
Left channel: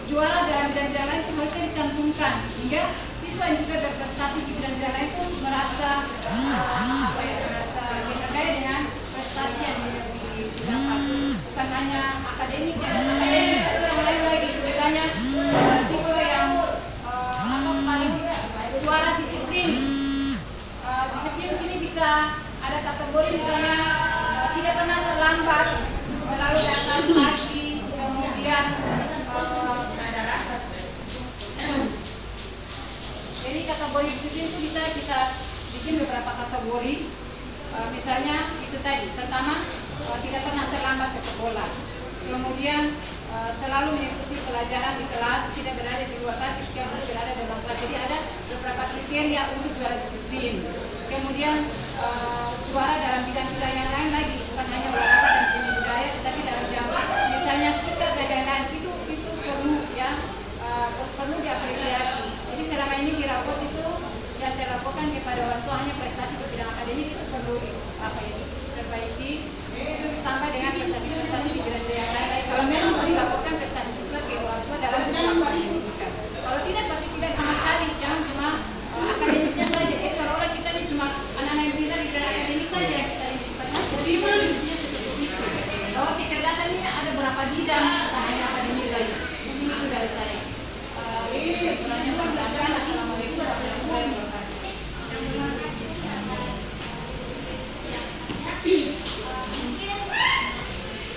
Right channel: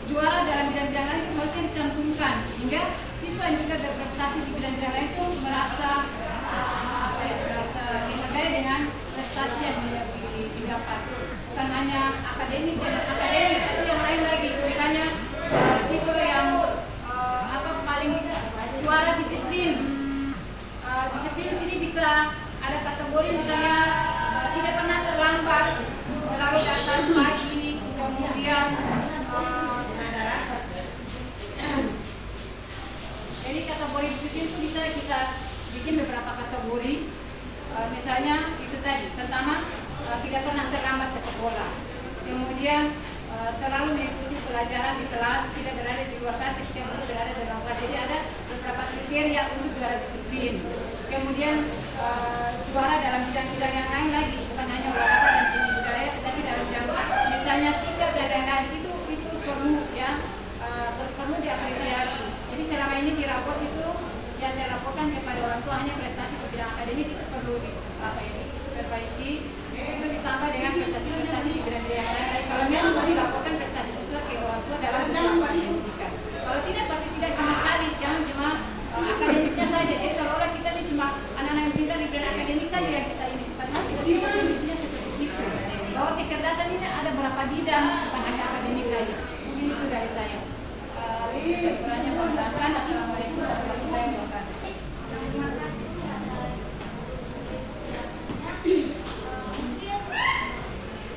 Juara dalam bidang-bidang lain itu harusnya dicantumkan, hingga siswa yang juga berprestasi di bidang-bidang lain itu merasa merasa dihargai dengan prestasi yang didapat. Bukan hanya akademik dan akademik, itu yang lain lagi. Misalnya siswa yang paling bisa juara disiplin. Disiplin di sini bisa ada kategori, misalnya tidak pernah terlambat, selalu datang pagi, kemudian jadi kategori disiplin itu bisa kita bikin beberapa kategori. Misalnya itu tadi, pertama tidak pernah terlambat ke sekolah, kemudian selalu mengikuti pelajaran di kelas, tidak berada di luar kelas ketika berada dalam kelas. Jadi ada beberapa kriteria untuk juara disiplin. Kemudian juara dalam bidang-bidang yang lain lagi, bukan hanya olahraga dan seni budaya, tetapi dalam bidang misalnya sikap dan lain-lain, itu perlu, ya, perlu diapresiasi. Jadi selama ini di raport itu yang dilaporkan kepada orang tua hanya prestasi di bidang akademik, itu perlu diperbaiki. Itu ditambah dengan prestasi-prestasi di bidang-bidang yang lain. Kalau memang mau dilaporkan prestasi siswa ke orang tua dalam penerapan pendidikan. Kalau tidak, tapi tidak sama sekali. Jangan cuma akademiknya saja. Jadi seolah-olah kita ini cuma anak-anak yang pintar di bidang akademik saja yang kita ini. Jadi pendidikannya seperti itu. Bahwa kecerdasan ini ada berapa bidang, bukan hanya akademik saja. Ini itu dari saya. Kurangnya perkenalkan. Assalamualaikum warahmatullahi wabarakatuh. Terima kasih atas mungkin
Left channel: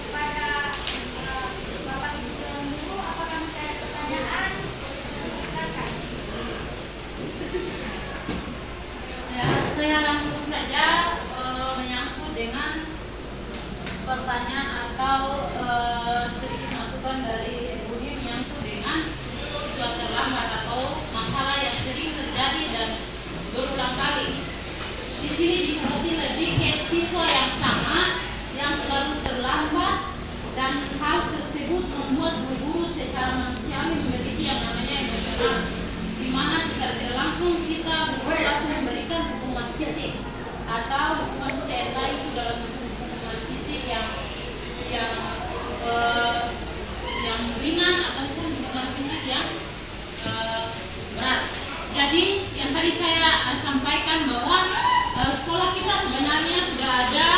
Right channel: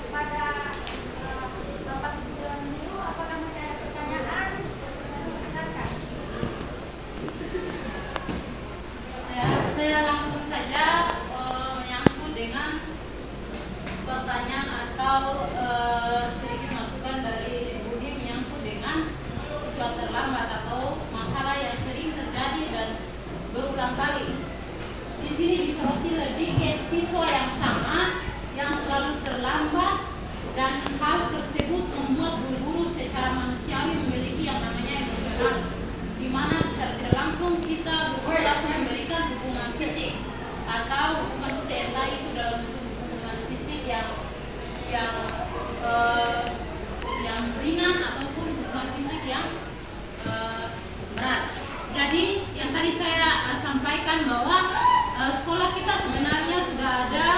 kepada Bapak Ibu dulu, apakah masih ada pertanyaan? Silakan. Ya, saya langsung saja menyangkut dengan pertanyaan atau sedikit masukan dari Budi menyangkut dengan siswa terlambat atau masalah yang sering terjadi dan berulang kali. Di sini disoroti lebih ke siswa yang sama yang selalu terlambat, dan hal tersebut membuat guru-guru secara manusiawi memiliki yang namanya emosional, di mana secara tidak langsung kita berlaku memberikan hukuman fisik atau hukuman fisik, entah itu dalam bentuk hukuman fisik yang ringan ataupun hukuman fisik yang berat. Jadi yang tadi saya sampaikan bahwa sekolah kita sebenarnya sudah ada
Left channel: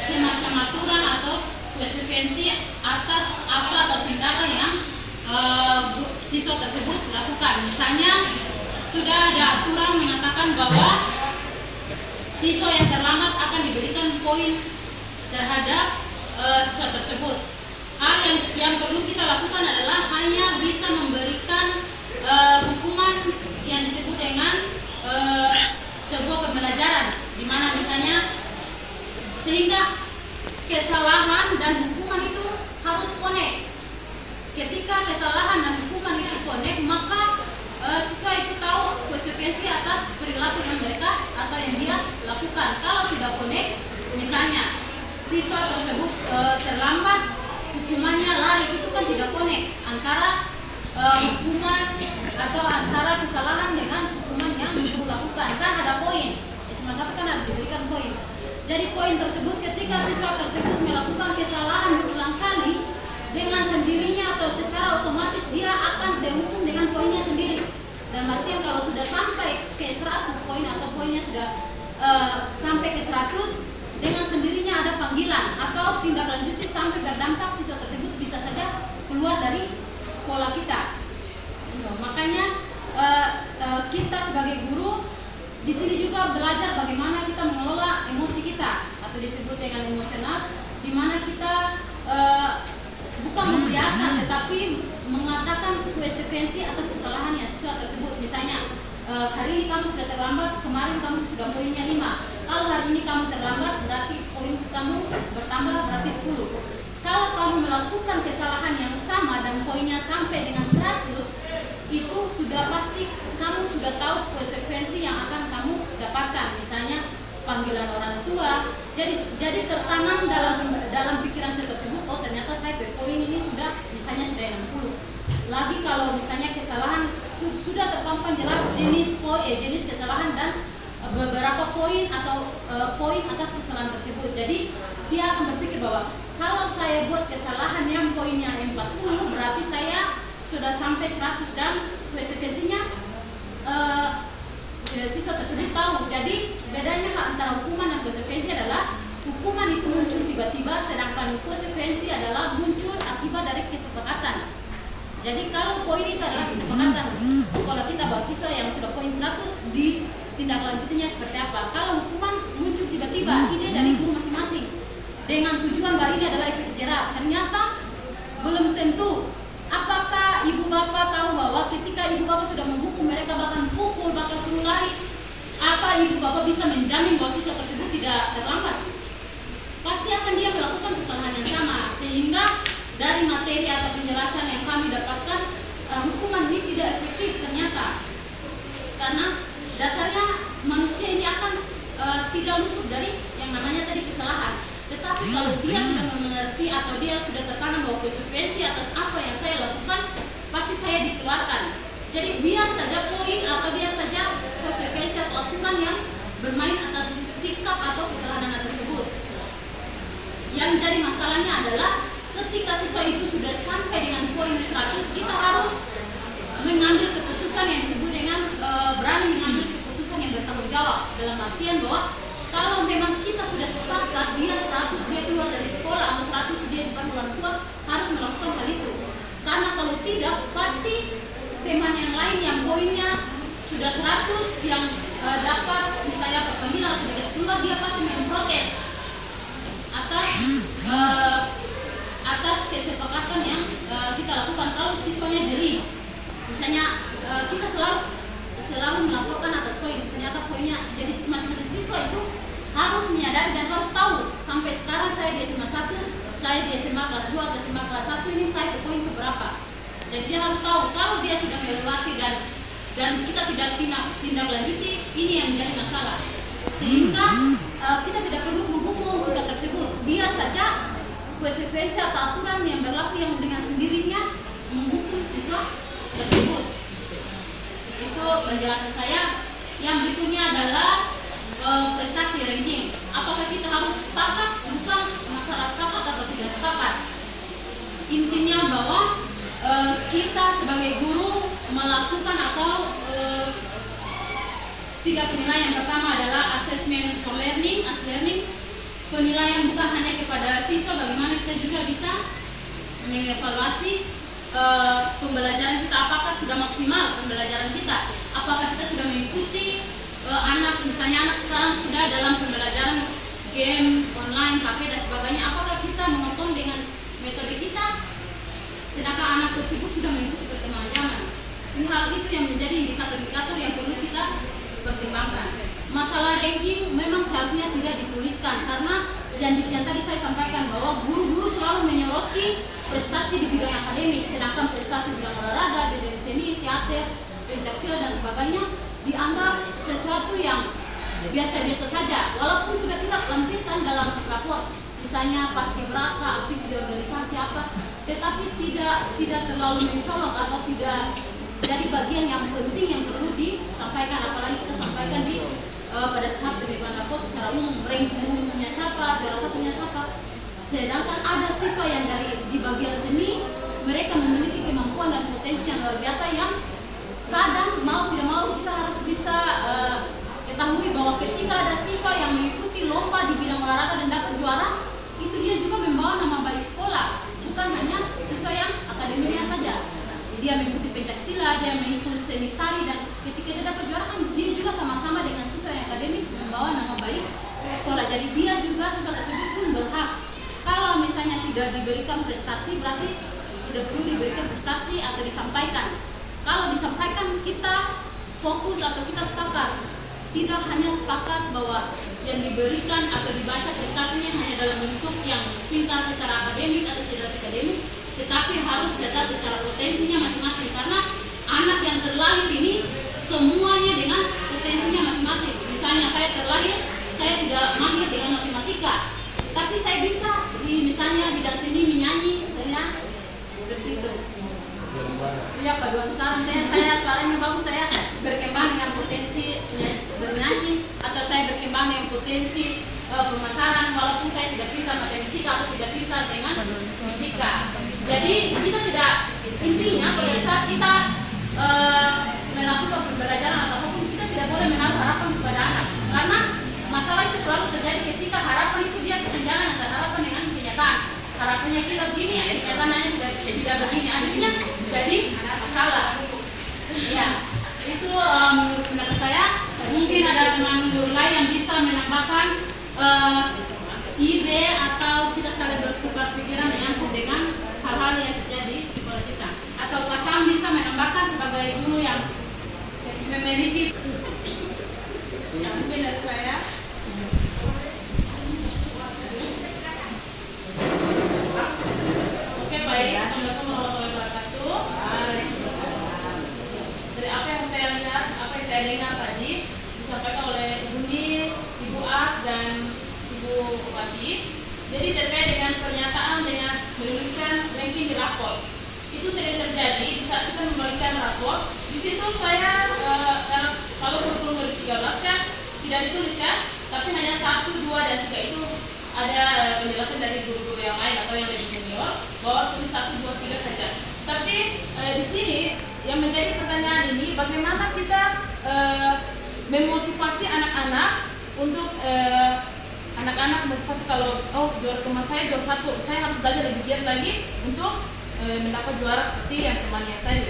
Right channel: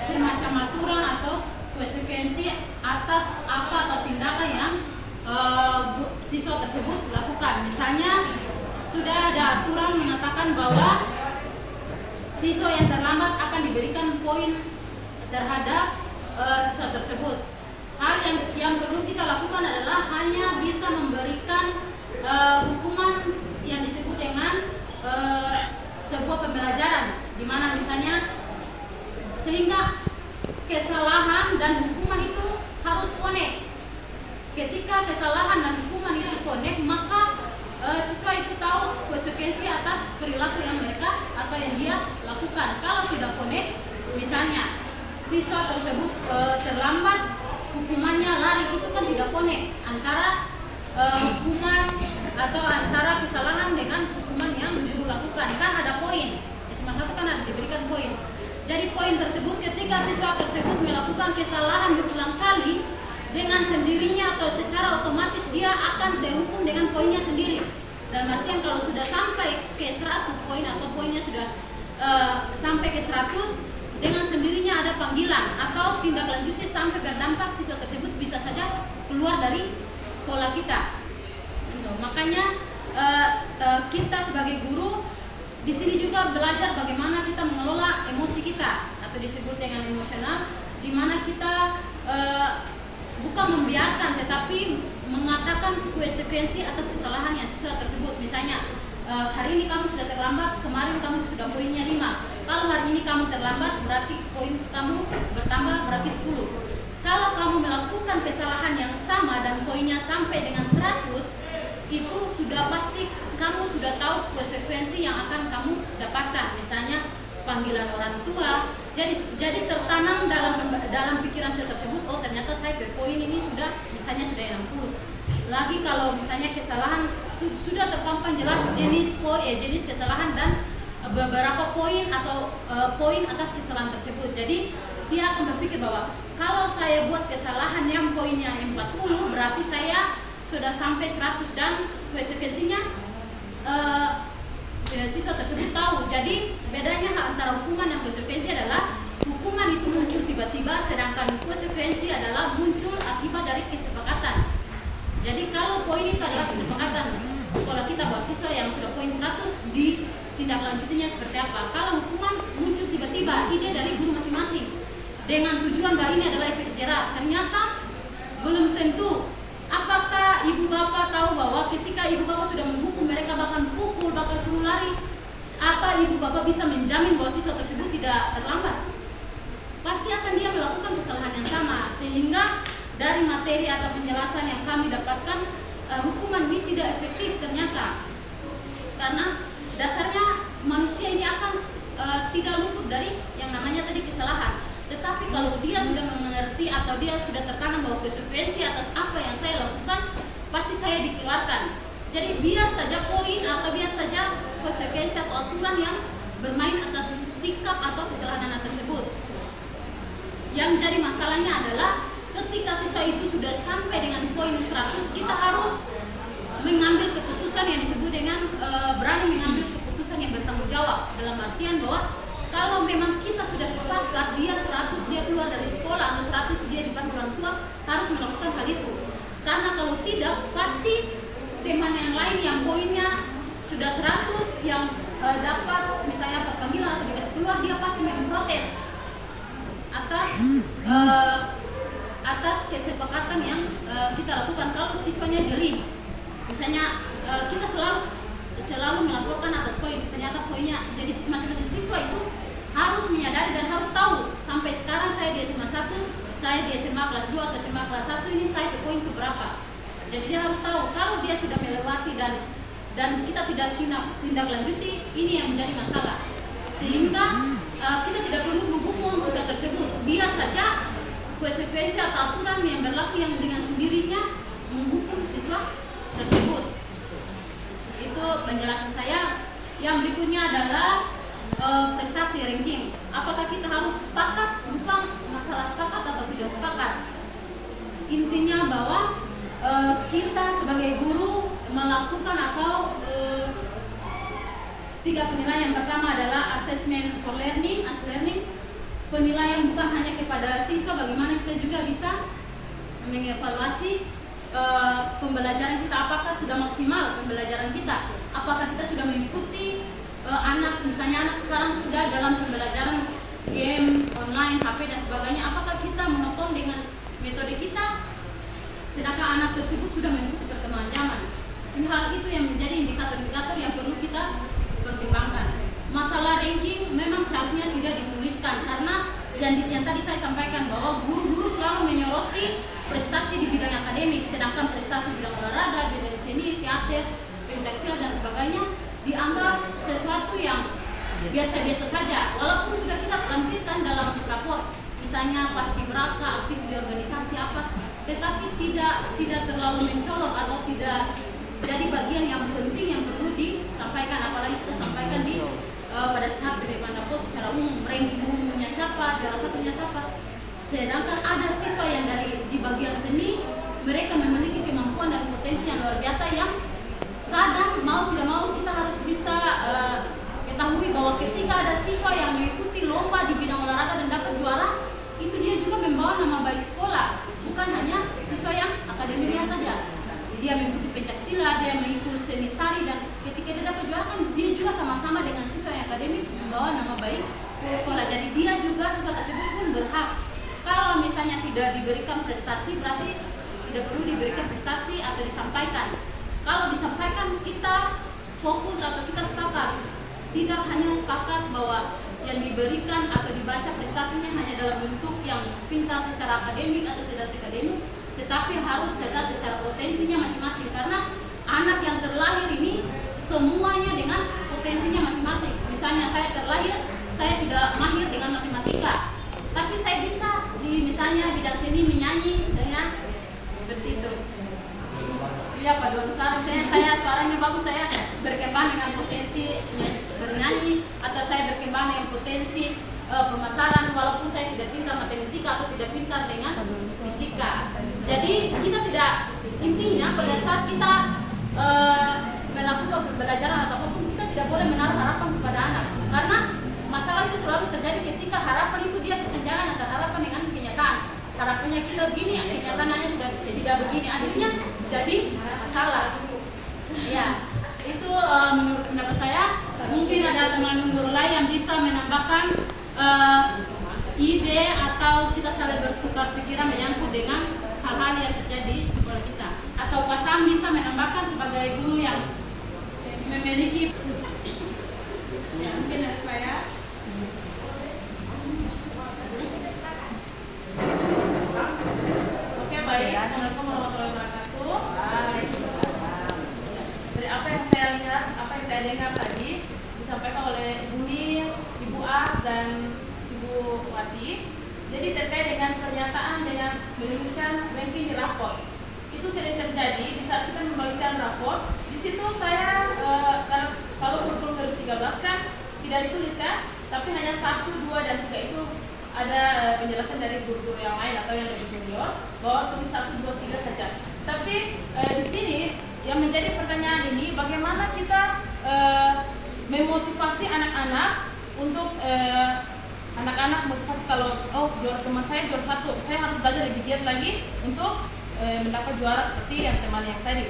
semacam aturan atau konsekuensi atas apa atau tindakan yang siswa tersebut lakukan. Misalnya sudah ada aturan mengatakan bahwa siswa yang terlambat akan diberikan poin terhadap siswa tersebut. Hal yang perlu kita lakukan adalah hanya bisa memberikan hukuman yang disebut dengan sebuah pembelajaran, di mana misalnya sehingga kesalahan dan hukuman itu harus connect. Ketika kesalahan dan hukuman itu connect, maka siswa itu tahu konsekuensi atas perilaku yang mereka atau yang dia lakukan. Kalau tidak connect, misalnya siswa tersebut terlambat, hukumannya lari, itu kan tidak connect antara hukuman atau antara kesalahan dengan hukuman yang guru lakukan. Kan ada poin, SMA 1 kan ada diberikan poin. Jadi poin tersebut ketika siswa tersebut melakukan kesalahan berulang kali, dengan sendirinya atau secara otomatis dia akan terhukum dengan poinnya sendiri. Dan artian kalau sudah sampai ke 100 poin atau poinnya sudah sampai ke 100, dengan sendirinya ada panggilan atau tindak lanjutnya sampai berdampak siswa tersebut bisa saja keluar dari sekolah kita. Makanya kita sebagai guru di sini juga belajar bagaimana kita mengelola emosi kita atau disebut dengan emosional, di mana kita bukan membiarkan tetapi mengatakan konsekuensi atas kesalahan yang siswa tersebut. Misalnya hari ini kamu sudah terlambat, kemarin kamu sudah poinnya 5. Kalau hari ini kamu terlambat berarti poin kamu bertambah berarti 10. Kalau kamu melakukan kesalahan yang sama dan poinnya sampai dengan 100, itu sudah pasti kamu sudah tahu konsekuensi yang akan kamu dapatkan. Misalnya panggilan orang tua. Jadi tertanam dalam pikiran saya tersebut, oh ternyata saya poin ini sudah misalnya sudah 60. Lagi kalau misalnya kesalahan sudah terpampang jelas jenis kesalahan dan beberapa poin atau poin atas kesalahan tersebut. Jadi dia akan berpikir bahwa kalau saya buat kesalahan yang poinnya 40 berarti saya sudah sampai 100 dan konsekuensinya siswa tersebut tahu. Jadi bedanya antara hukuman dan konsekuensi adalah hukuman itu muncul tiba-tiba, sedangkan konsekuensi adalah muncul akibat dari kesepakatan. Jadi kalau poin itu adalah kesepakatan sekolah kita bahwa siswa yang sudah poin 100 di tindak lanjutnya seperti apa. Kalau hukuman muncul tiba-tiba, ide dari guru masing-masing dengan tujuan bahwa ini adalah efek jerah. Ternyata belum tentu. Apakah ibu bapak tahu bahwa ketika ibu bapak sudah menghukum mereka bahkan pukul, bahkan suruh lari, apa ibu bapak bisa menjamin bahwa siswa tersebut tidak terlambat? Pasti akan dia melakukan kesalahan yang sama. Sehingga dari materi atau penjelasan yang kami dapatkan, hukuman ini tidak efektif ternyata. Karena dasarnya manusia ini akan tidak luput dari yang namanya tadi kesalahan. Tetapi kalau dia sudah mengerti atau dia sudah tertanam bahwa konsekuensi atas apa yang saya lakukan, pasti saya dikeluarkan. Jadi biar saja poin atau biar saja konsekuensi atau aturan yang bermain atas sikap atau kesalahan anak tersebut. Yang jadi masalahnya adalah ketika siswa itu sudah sampai dengan poin 100, kita harus mengambil keputusan yang disebut dengan berani mengambil keputusan yang bertanggung jawab. Dalam artian bahwa kalau memang kita sudah sepakat dia 100 dia keluar dari sekolah atau 100 dia di depan orang tua, harus melakukan hal itu. Karena kalau tidak pasti teman yang lain yang poinnya sudah 100 yang dapat misalnya panggilan atau dikasih keluar, dia pasti memprotes atas kesepakatan yang kita lakukan. Kalau siswanya jeli, misalnya kita selalu melaporkan atas poin, ternyata poinnya jadi masing-masing siswa itu harus menyadari dan harus tahu sampai sekarang saya di SMA 1, saya di SMA kelas 2 atau SMA kelas 1 ini saya poin seberapa. Jadi dia harus tahu kalau dia sudah melewati dan kita tidak tindak lanjuti, ini yang menjadi masalah. Sehingga kita tidak perlu menghukum siswa tersebut, biar saja konsekuensi atau aturan yang berlaku yang dengan sendirinya menghukum siswa tersebut. Itu penjelasan saya. Yang berikutnya adalah prestasi ranking. Apakah kita harus sepakat? Bukan masalah sepakat atau tidak sepakat. Intinya bahwa kita sebagai guru melakukan atau 3 penilaian. Yang pertama adalah assessment for learning, as learning. Penilaian bukan hanya kepada siswa, bagaimana kita juga bisa mengevaluasi pembelajaran kita, apakah sudah maksimal pembelajaran kita, apakah kita sudah mengikuti misalnya anak sekarang sudah dalam pembelajaran game online, HP dan sebagainya, apakah kita menonton dengan metode kita, sedangkan anak tersebut sudah mengikuti perkembangan zaman. Ini hal itu yang menjadi indikator-indikator yang perlu kita pertimbangkan. Masalah ranking memang seharusnya tidak dituliskan, karena yang tadi saya sampaikan bahwa guru-guru selalu menyoroti prestasi di bidang akademik, sedangkan prestasi di bidang olahraga, bidang seni, teater, pencaksilat dan sebagainya dianggap sesuatu yang biasa-biasa saja, walaupun sudah kita tampilkan dalam rapor, misalnya paskibraka, aktif di organisasi apa, tetapi tidak terlalu mencolok atau tidak jadi bagian yang penting yang perlu disampaikan, apalagi kita sampaikan di pada saat penerimaan rapor secara umum, ranking umumnya siapa, juara satunya siapa. Sedangkan ada siswa yang di bagian seni, mereka memiliki kemampuan dan potensi yang luar biasa yang kadang mau tidak mau kita harus bisa ketahui bahwa ketika ada siswa yang mengikuti mengikuti lomba di bidang olahraga dan dapat juara, itu dia juga membawa nama baik sekolah, bukan hanya siswa yang akademiknya saja. Dia mengikuti pencaksilat, dia mengikuti seni tari, dan ketika dia dapat juara kan dia juga sama-sama dengan siswa yang akademik membawa nama baik sekolah. Jadi dia juga siswa tersebut pun berhak. Kalau misalnya tidak diberikan prestasi, berarti tidak perlu diberikan prestasi atau disampaikan. Kalau disampaikan, kita fokus atau kita sepakat. Tidak hanya sepakat bahwa yang diberikan atau dibaca prestasinya hanya dalam bentuk yang pintar secara akademik atau cerdas akademik, tetapi harus cerdas secara potensinya masing-masing. Karena anak yang terlahir ini semuanya dengan potensinya masing-masing. Misalnya saya terlahir, saya tidak mahir dengan matematika, tapi saya bisa di misalnya bidang seni menyanyi, saya seperti itu. Ya, paduan suara saya suaranya bagus, saya berkembang dengan potensi bernyanyi, atau saya berkembang dengan potensi pemasaran walaupun saya tidak pintar matematika atau tidak pintar dengan fisika. Jadi kita tidak, intinya pada saat kita melakukan pembelajaran atau hukum, kita tidak boleh menaruh harapan kepada anak, karena masalah itu selalu terjadi ketika harapan itu dia kesenjangan antara harapan dengan kenyataan. Harapannya kita begini, kenyataannya tidak begini, akhirnya jadi masalah. Ya, itu menurut pendapat saya. Mungkin ada teman guru lain yang bisa menambahkan ide atau kita saling bertukar pikiran menyangkut dengan hal-hal yang terjadi di sekolah kita. Atau Pak Sam bisa menambahkan sebagai guru yang memiliki. Yang mungkin dari saya. Oke, baik. Assalamualaikum warahmatullahi wabarakatuh. Dari apa yang saya lihat, apa yang saya dengar tadi disampaikan oleh Ibu Nin, Ibu As, dan Ibu Wati. Jadi terkait dengan pernyataan dengan menuliskan ranking di rapor, itu sering terjadi di saat kita membagikan rapor. Di situ saya kalau kurikulum 2013 kan tidak dituliskan, tapi hanya 1, 2, dan 3 itu ada penjelasan dari guru-guru yang lain atau yang lebih senior bahwa tulis 1, 2, 3 saja. Tapi di sini yang menjadi pertanyaan ini, bagaimana kita memotivasi anak-anak untuk anak-anak motivasi kalau juara teman saya juara 1, saya harus belajar lebih giat lagi untuk mendapat juara seperti yang teman yang tadi.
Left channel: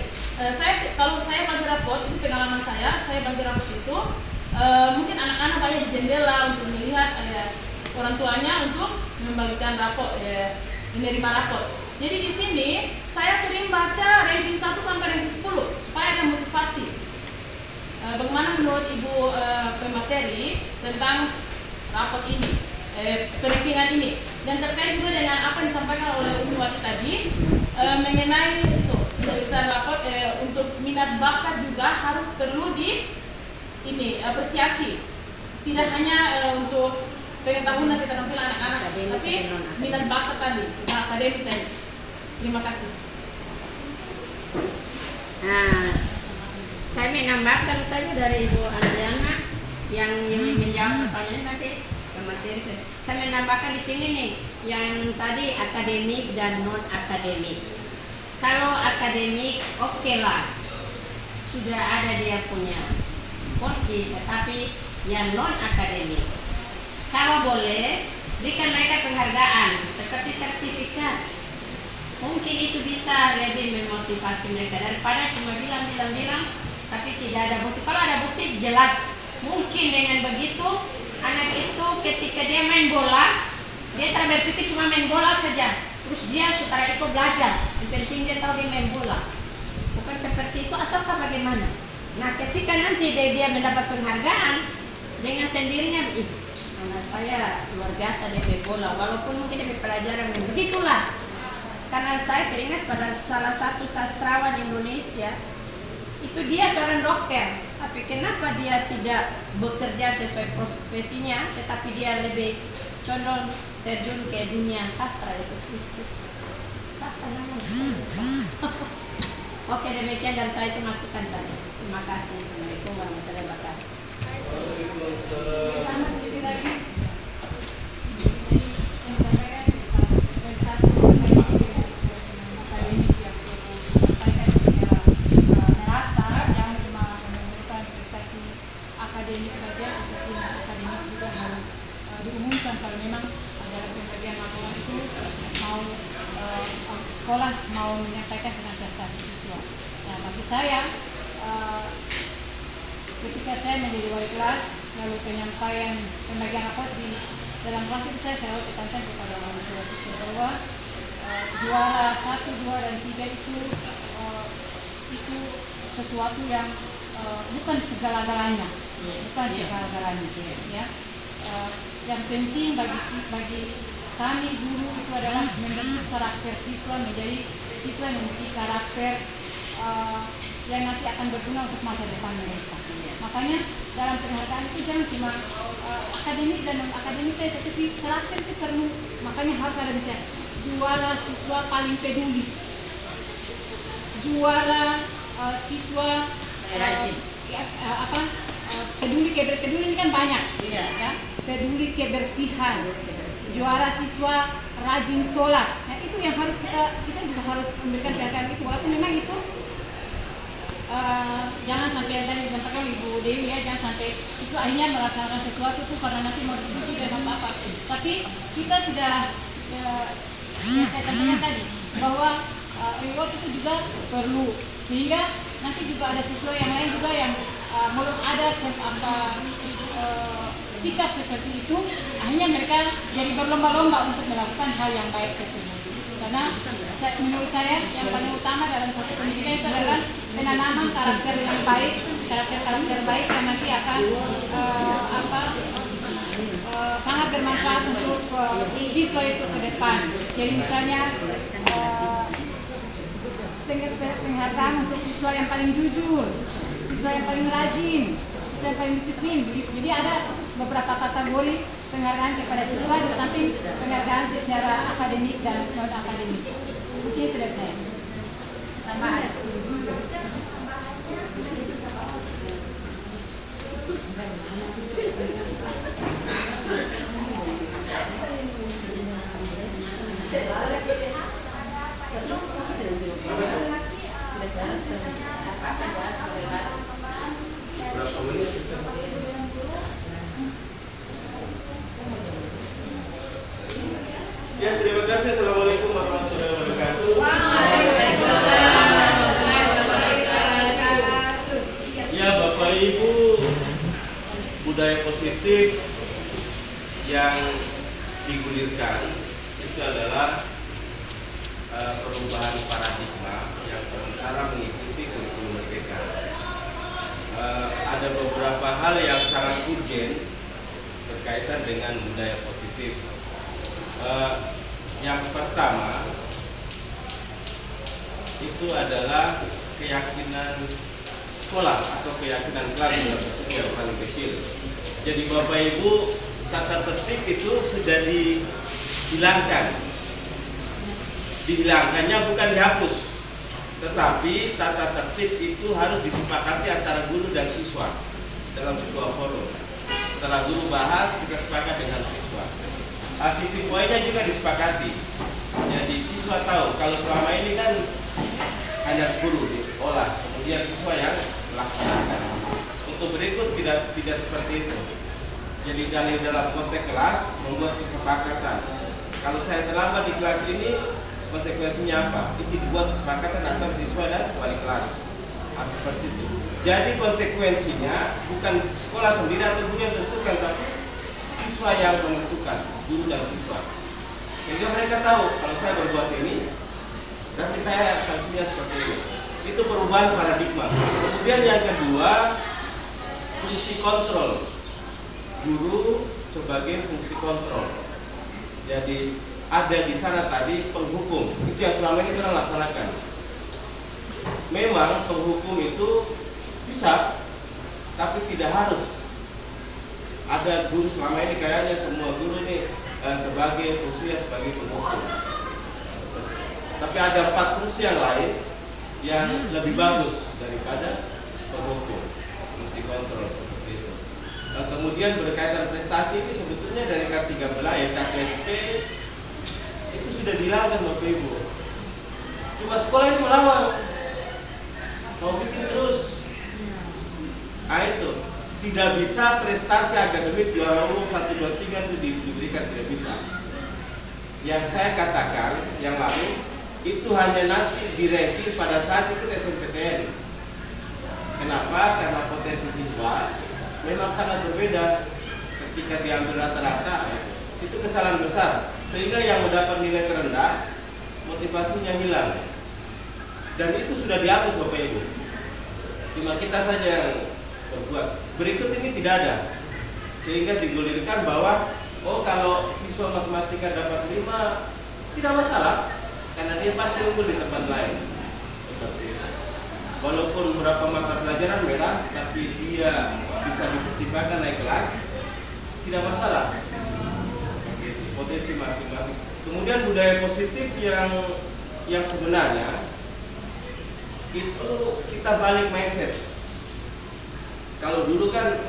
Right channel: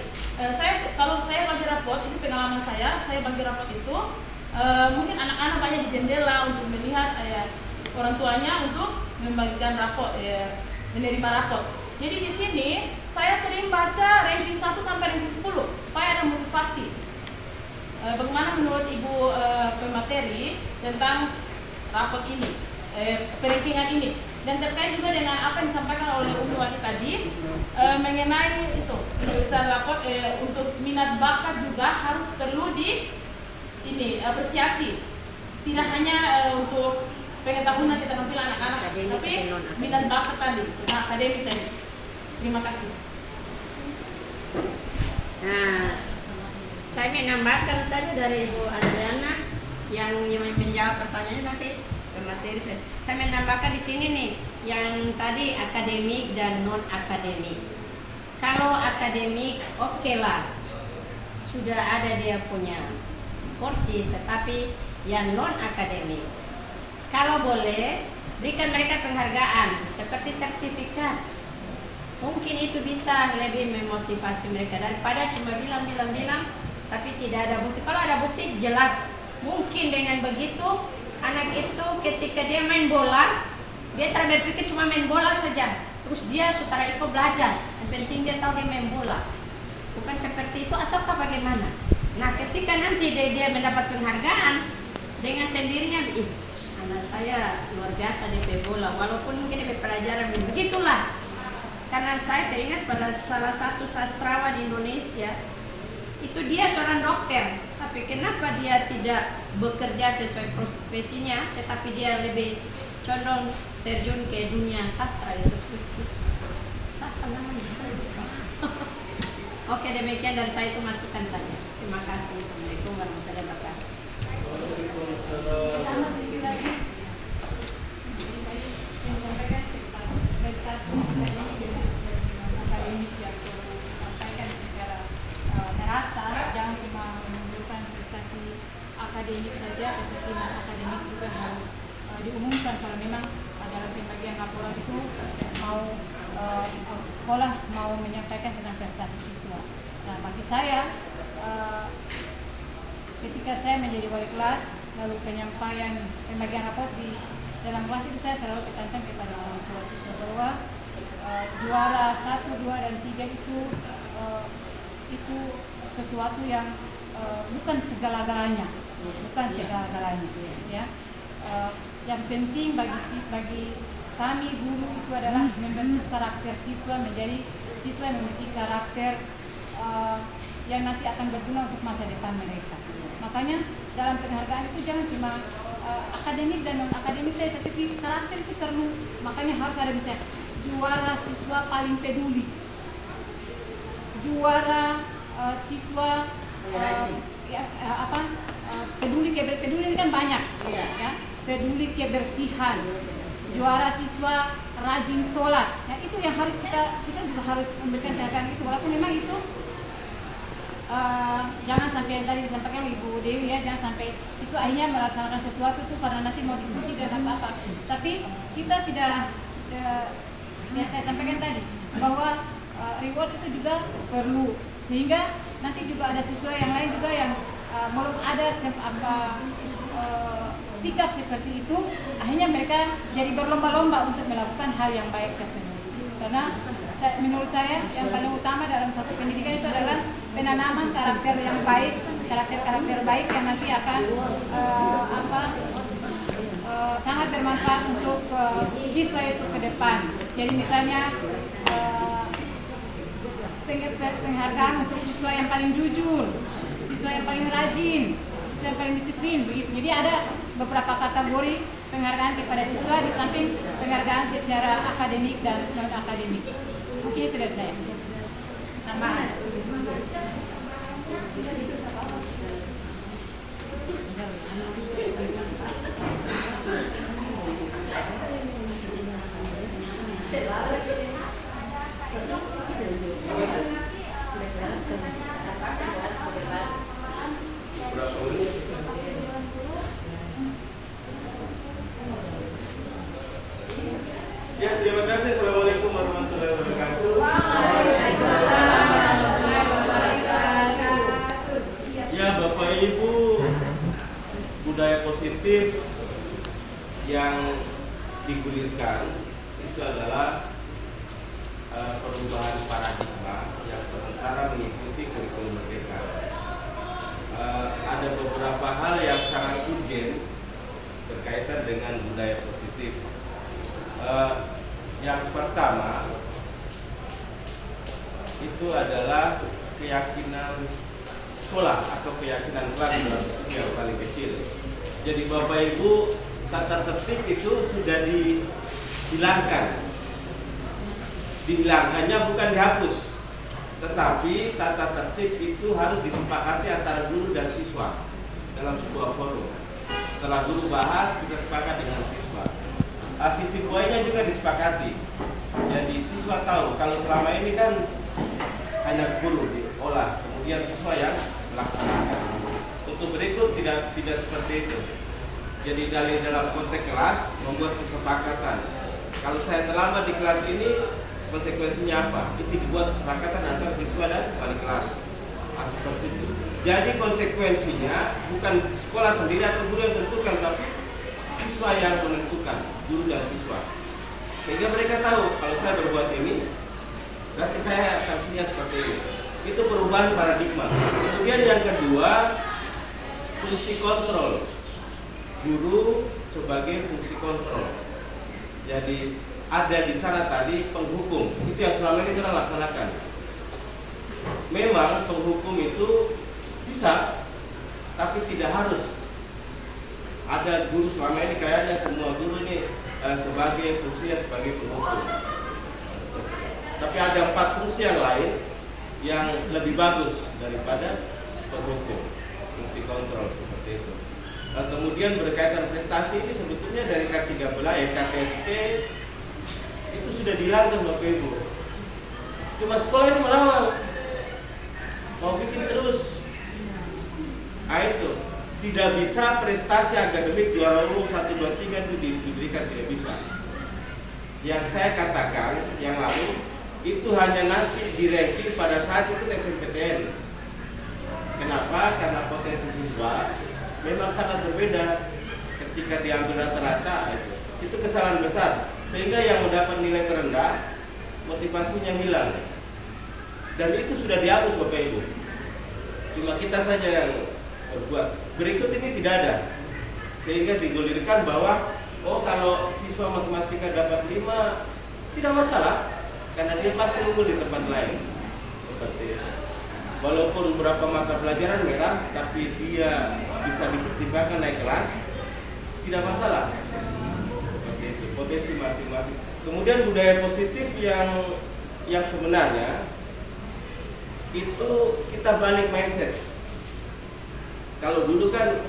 Kalau saya bagi rapot, ini pengalaman saya bagi rapot itu mungkin anak-anak banyak di jendela untuk melihat orang tuanya untuk membagikan rapot, menerima rapot. Jadi di sini saya sering baca ranking 1 sampai ranking 10 supaya ada motivasi. Bagaimana menurut Ibu pemateri tentang rapot ini, perankingan ini, dan terkait juga dengan apa yang disampaikan oleh Umi Wati tadi mengenai itu penulisan rapot untuk minat bakat juga harus perlu apresiasi, tidak hanya untuk pengetahuan dan keterampilan anak-anak, tapi minat bakat tadi, akademik tadi. Terima kasih. Nah, saya menambahkan saja dari Ibu Adriana yang menjawab pertanyaannya nanti ke materi saya. Saya menambahkan di sini nih, yang tadi akademik dan non akademik. Kalau akademik, oke lah, sudah ada dia punya porsi, tetapi yang non akademik, kalau boleh berikan mereka penghargaan seperti sertifikat. Mungkin itu bisa lebih memotivasi mereka daripada cuma bilang tapi tidak ada bukti. Kalau ada bukti jelas, mungkin dengan begitu anak itu ketika dia main bola, dia tak berpikir cuma main bola saja, terus dia setelah itu belajar. Yang penting dia tahu dia main bola. Bukan seperti itu, ataukah bagaimana? Nah, ketika nanti dia mendapat penghargaan dengan sendirinya, anak saya luar biasa dia main bola, walaupun mungkin dia pelajaran begitulah. Karena saya teringat pada salah satu sastrawan Indonesia, itu dia seorang dokter, tapi kenapa dia tidak bekerja sesuai profesinya, tetapi dia lebih condong terjun ke dunia sastra itu. Siapa namanya? Oke, demikian dari saya, itu masukan saja. Terima kasih. Assalamualaikum warahmatullahi wabarakatuh. Tambah sedikit lagi. Yang disampaikan prestasi akademik yang disampaikan secara merata, jangan cuma menunjukkan prestasi akademik saja, tetapi akademik juga harus mau sekolah mau menyampaikan tentang prestasi siswa. Nah, bagi saya ketika saya menjadi wali kelas, lalu penyampaian pembagian rapot di dalam kelas itu saya selalu tekankan kepada orang tua siswa bahwa juara 1, 2, dan 3 itu sesuatu yang bukan segala-galanya, ya. Yang penting bagi kami guru itu adalah membentuk karakter siswa menjadi siswa yang memiliki karakter yang nanti akan berguna untuk masa depan mereka. Makanya dalam penghargaan itu jangan cuma akademik dan non akademik saja, tetapi karakter itu perlu. Makanya harus ada misalnya juara siswa paling peduli, juara siswa peduli ini kan banyak, ya, peduli kebersihan, juara siswa rajin sholat. Nah, itu yang harus kita juga harus memberikan perhatian itu, walaupun memang itu jangan sampai yang tadi disampaikan Ibu Dewi, ya, jangan sampai siswa akhirnya melaksanakan sesuatu tuh karena nanti mau dipuji dan apa-apa. Tapi kita tidak yang saya sampaikan tadi bahwa reward itu juga perlu, sehingga nanti juga ada siswa yang lain juga yang belum ada sikap seperti itu, akhirnya mereka jadi berlomba-lomba untuk melakukan hal yang baik tersebut. Karena menurut saya yang paling utama dalam satu pendidikan itu adalah penanaman karakter yang baik, karakter baik yang nanti akan sangat bermanfaat untuk siswa itu ke depan. Jadi misalnya penghargaan untuk siswa yang paling jujur, siswa yang paling rajin, siswa yang paling disiplin, begitu. Jadi ada beberapa kategori penghargaan kepada siswa di samping penghargaan secara akademik dan non akademik. Mungkin itu dari saya. Tambahan. Ya, terima kasih. Assalamualaikum warahmatullahi wabarakatuh. Ya, Bapak Ibu, budaya positif yang digulirkan itu adalah perubahan paradigma yang sementara mengikuti kurikulum merdeka. Ada beberapa hal yang sangat urgent berkaitan dengan budaya positif. Yang pertama itu adalah keyakinan sekolah atau keyakinan kelas yang paling kecil. Jadi Bapak Ibu, tata tertib itu sudah dihilangkan. Dihilangkannya bukan dihapus, tetapi tata tertib itu harus disepakati antara guru dan siswa dalam sebuah forum. Setelah guru bahas, kita sepakat dengan siswa. Sistem poinnya juga disepakati. Jadi siswa tahu kalau selama ini kan hanya guru diolah, kemudian siswa yang melaksanakan. Untuk berikut tidak seperti itu. Jadi dalam konteks kelas membuat kesepakatan. Kalau saya terlambat di kelas ini, konsekuensinya apa? Itu dibuat kesepakatan antara siswa dan wali kelas. Seperti itu. Jadi konsekuensinya bukan sekolah sendiri atau guru yang tentukan, tapi siswa yang menentukan, guru dan siswa. Sehingga mereka tahu kalau saya berbuat ini, berarti saya sanksinya seperti ini. Itu perubahan paradigma. Kemudian yang kedua, fungsi kontrol. Guru sebagai fungsi kontrol. Jadi ada di sana tadi penghukum. Itu yang selama ini kita laksanakan. Memang penghukum itu bisa, tapi tidak harus. Ada guru selama ini kayaknya semua guru ini sebagai fungsinya sebagai penghukum. Tapi ada 4 fungsi yang lain yang lebih bagus daripada penghukum, fungsi kontrol seperti itu. Kemudian berkaitan prestasi ini sebetulnya dari K13 ya KTSP itu sudah dihilangkan Bapak Ibu. Cuma sekolah ini melawan, mau bikin terus. Nah itu tidak bisa prestasi akademik juara umum 1, 2, 3 itu diberikan, tidak bisa. Yang saya katakan yang lalu itu hanya nanti di-ranking pada saat itu SNPTN. Kenapa? Karena potensi siswa memang sangat berbeda ketika diambil rata-rata. Itu kesalahan besar, sehingga yang mendapat nilai terendah motivasinya hilang. Dan itu sudah dihapus Bapak Ibu. Cuma kita saja yang berbuat. Berikut ini tidak ada, sehingga digulirkan bahwa oh kalau siswa matematika dapat 5 tidak masalah, karena dia pasti unggul di tempat lain. Seperti itu. Walaupun beberapa mata pelajaran merah, tapi dia bisa dipertimbangkan naik kelas, tidak masalah. Seperti itu, potensi masing-masing. Kemudian budaya positif yang sebenarnya itu kita balik mindset. Kalau dulu kan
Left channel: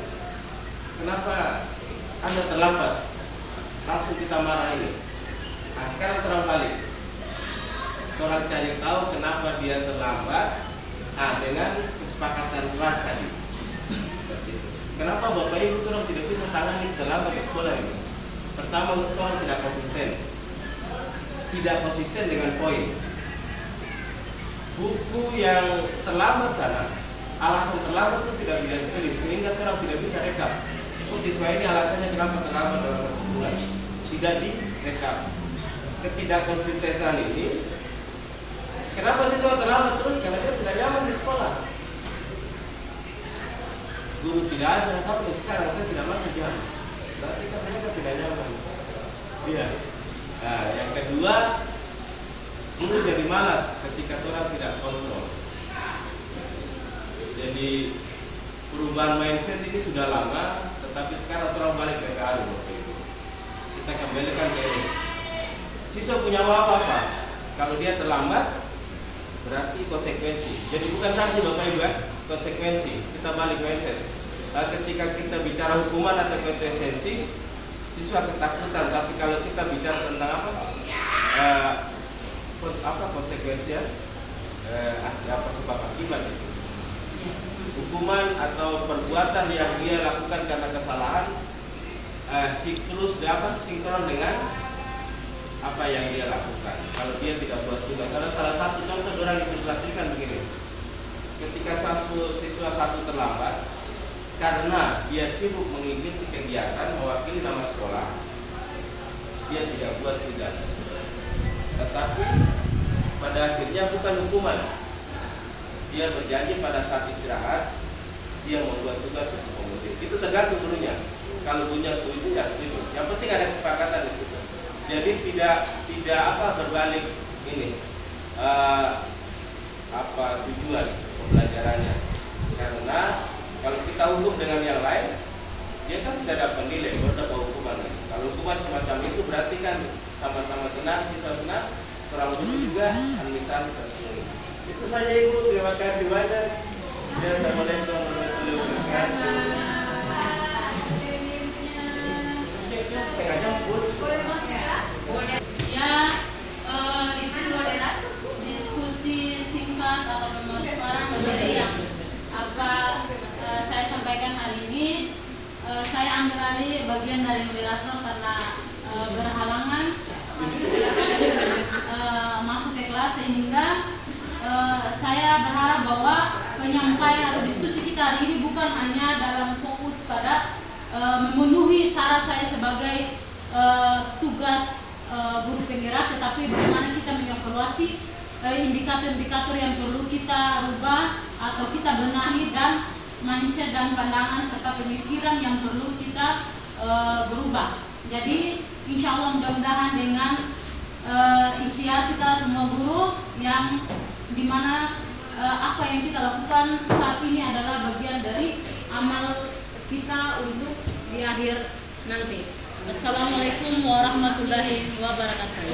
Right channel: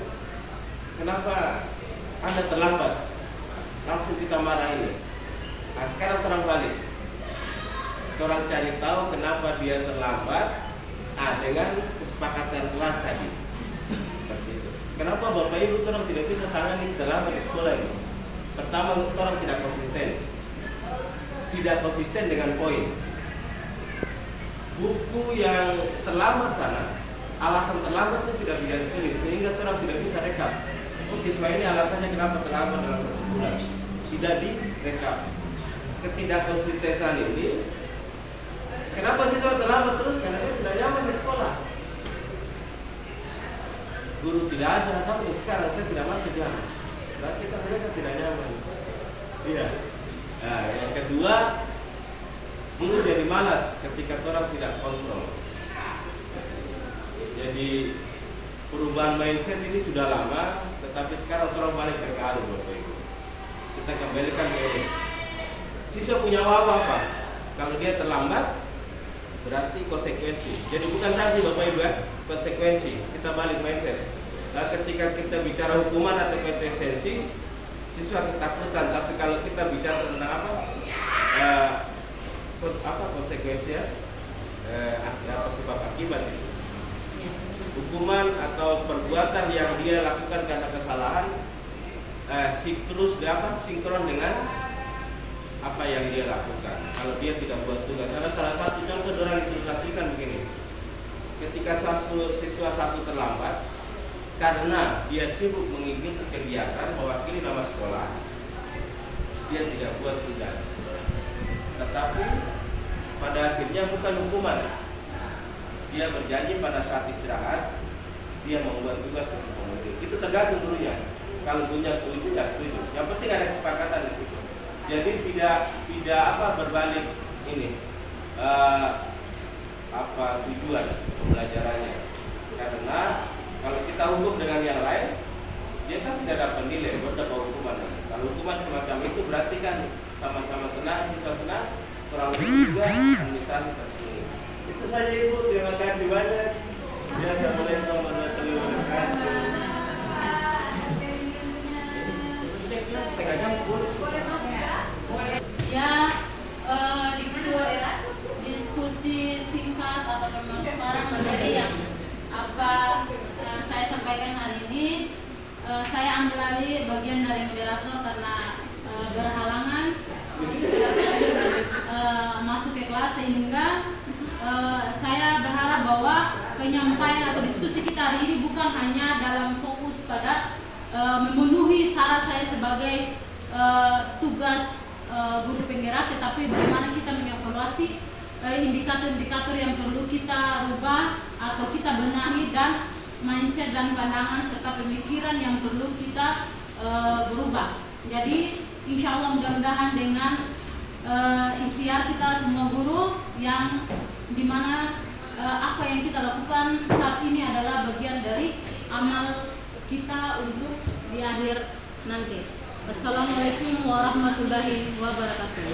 kenapa Anda terlambat, langsung kita marah ini. Nah sekarang terang balik, orang cari tahu kenapa dia terlambat. Dengan kesepakatan kelas tadi. Seperti itu. Kenapa Bapak Ibu orang tidak bisa tangani terlambat di sekolah ini? Pertama, orang tidak konsisten dengan poin. Buku yang terlambat sana, alasan terlambat itu tidak bisa ditulis, sehingga orang tidak bisa rekap. Oh, siswa ini alasannya kenapa terlambat dalam satu bulan, tidak direkap. Ketidakkonsistenan ini, kenapa siswa terlambat terus? Karena dia tidak nyaman di sekolah. Guru tidak ada, sampai sekarang saya tidak masuk jam. Berarti kan mereka tidak nyaman. Iya. Nah, yang kedua, guru jadi malas ketika orang tidak kontrol. Jadi perubahan mindset ini sudah lama, tetapi sekarang orang balik ke arus Bapak Ibu. Kita kembalikan ke ini. Siswa punya apa? Kalau dia terlambat, berarti konsekuensi. Jadi bukan sanksi Bapak Ibu, konsekuensi. Kita balik mindset. Ketika kita bicara hukuman atau konsekuensi, siswa ketakutan. Tapi kalau kita bicara tentang apa konsekuensi ya? Apa sebab akibat itu? Hukuman atau perbuatan yang dia lakukan karena kesalahan sinkron dengan apa yang dia lakukan. Kalau dia tidak buat tugas, ada salah satu contoh orang ilustrasikan begini. Ketika siswa satu terlambat karena dia sibuk mengikuti kegiatan mewakili nama sekolah, dia tidak buat tugas. Tetapi pada akhirnya bukan hukuman. Dia berjanji pada saat istirahat dia membuat tugas untuk pemudik. Itu tergantung gurunya. Kalau gurunya setuju ya setuju. Yang penting ada kesepakatan di situ. Jadi tidak berbalik ini tujuan pembelajarannya. Karena kalau kita hukum dengan yang lain, dia kan tidak dapat nilai, baru dapat hukuman. Kalau hukuman semacam itu berarti kan sama-sama senang, siswa senang, kurang lebih juga administrasi terpenuhi. Itu saja Ibu, terima kasih banyak. Assalamualaikum warahmatullahi wabarakatuh. Ya, diskusi singkat atau pemaparan materi yang saya sampaikan hari ini, saya ambil alih bagian dari moderator karena berhalangan masuk ke kelas, sehingga saya berharap bahwa penyampaian atau diskusi kita hari ini bukan hanya dalam fokus pada memenuhi syarat saya sebagai tugas guru penggerak, tetapi bagaimana kita mengevaluasi indikator-indikator yang perlu kita rubah atau kita benahi, dan mindset dan pandangan serta pemikiran yang perlu kita berubah. Jadi insya Allah mudah-mudahan dengan ikhtiar kita semua guru, yang dimana apa yang kita lakukan saat ini adalah bagian dari amal kita untuk di akhir nanti. Assalamualaikum warahmatullahi wabarakatuh.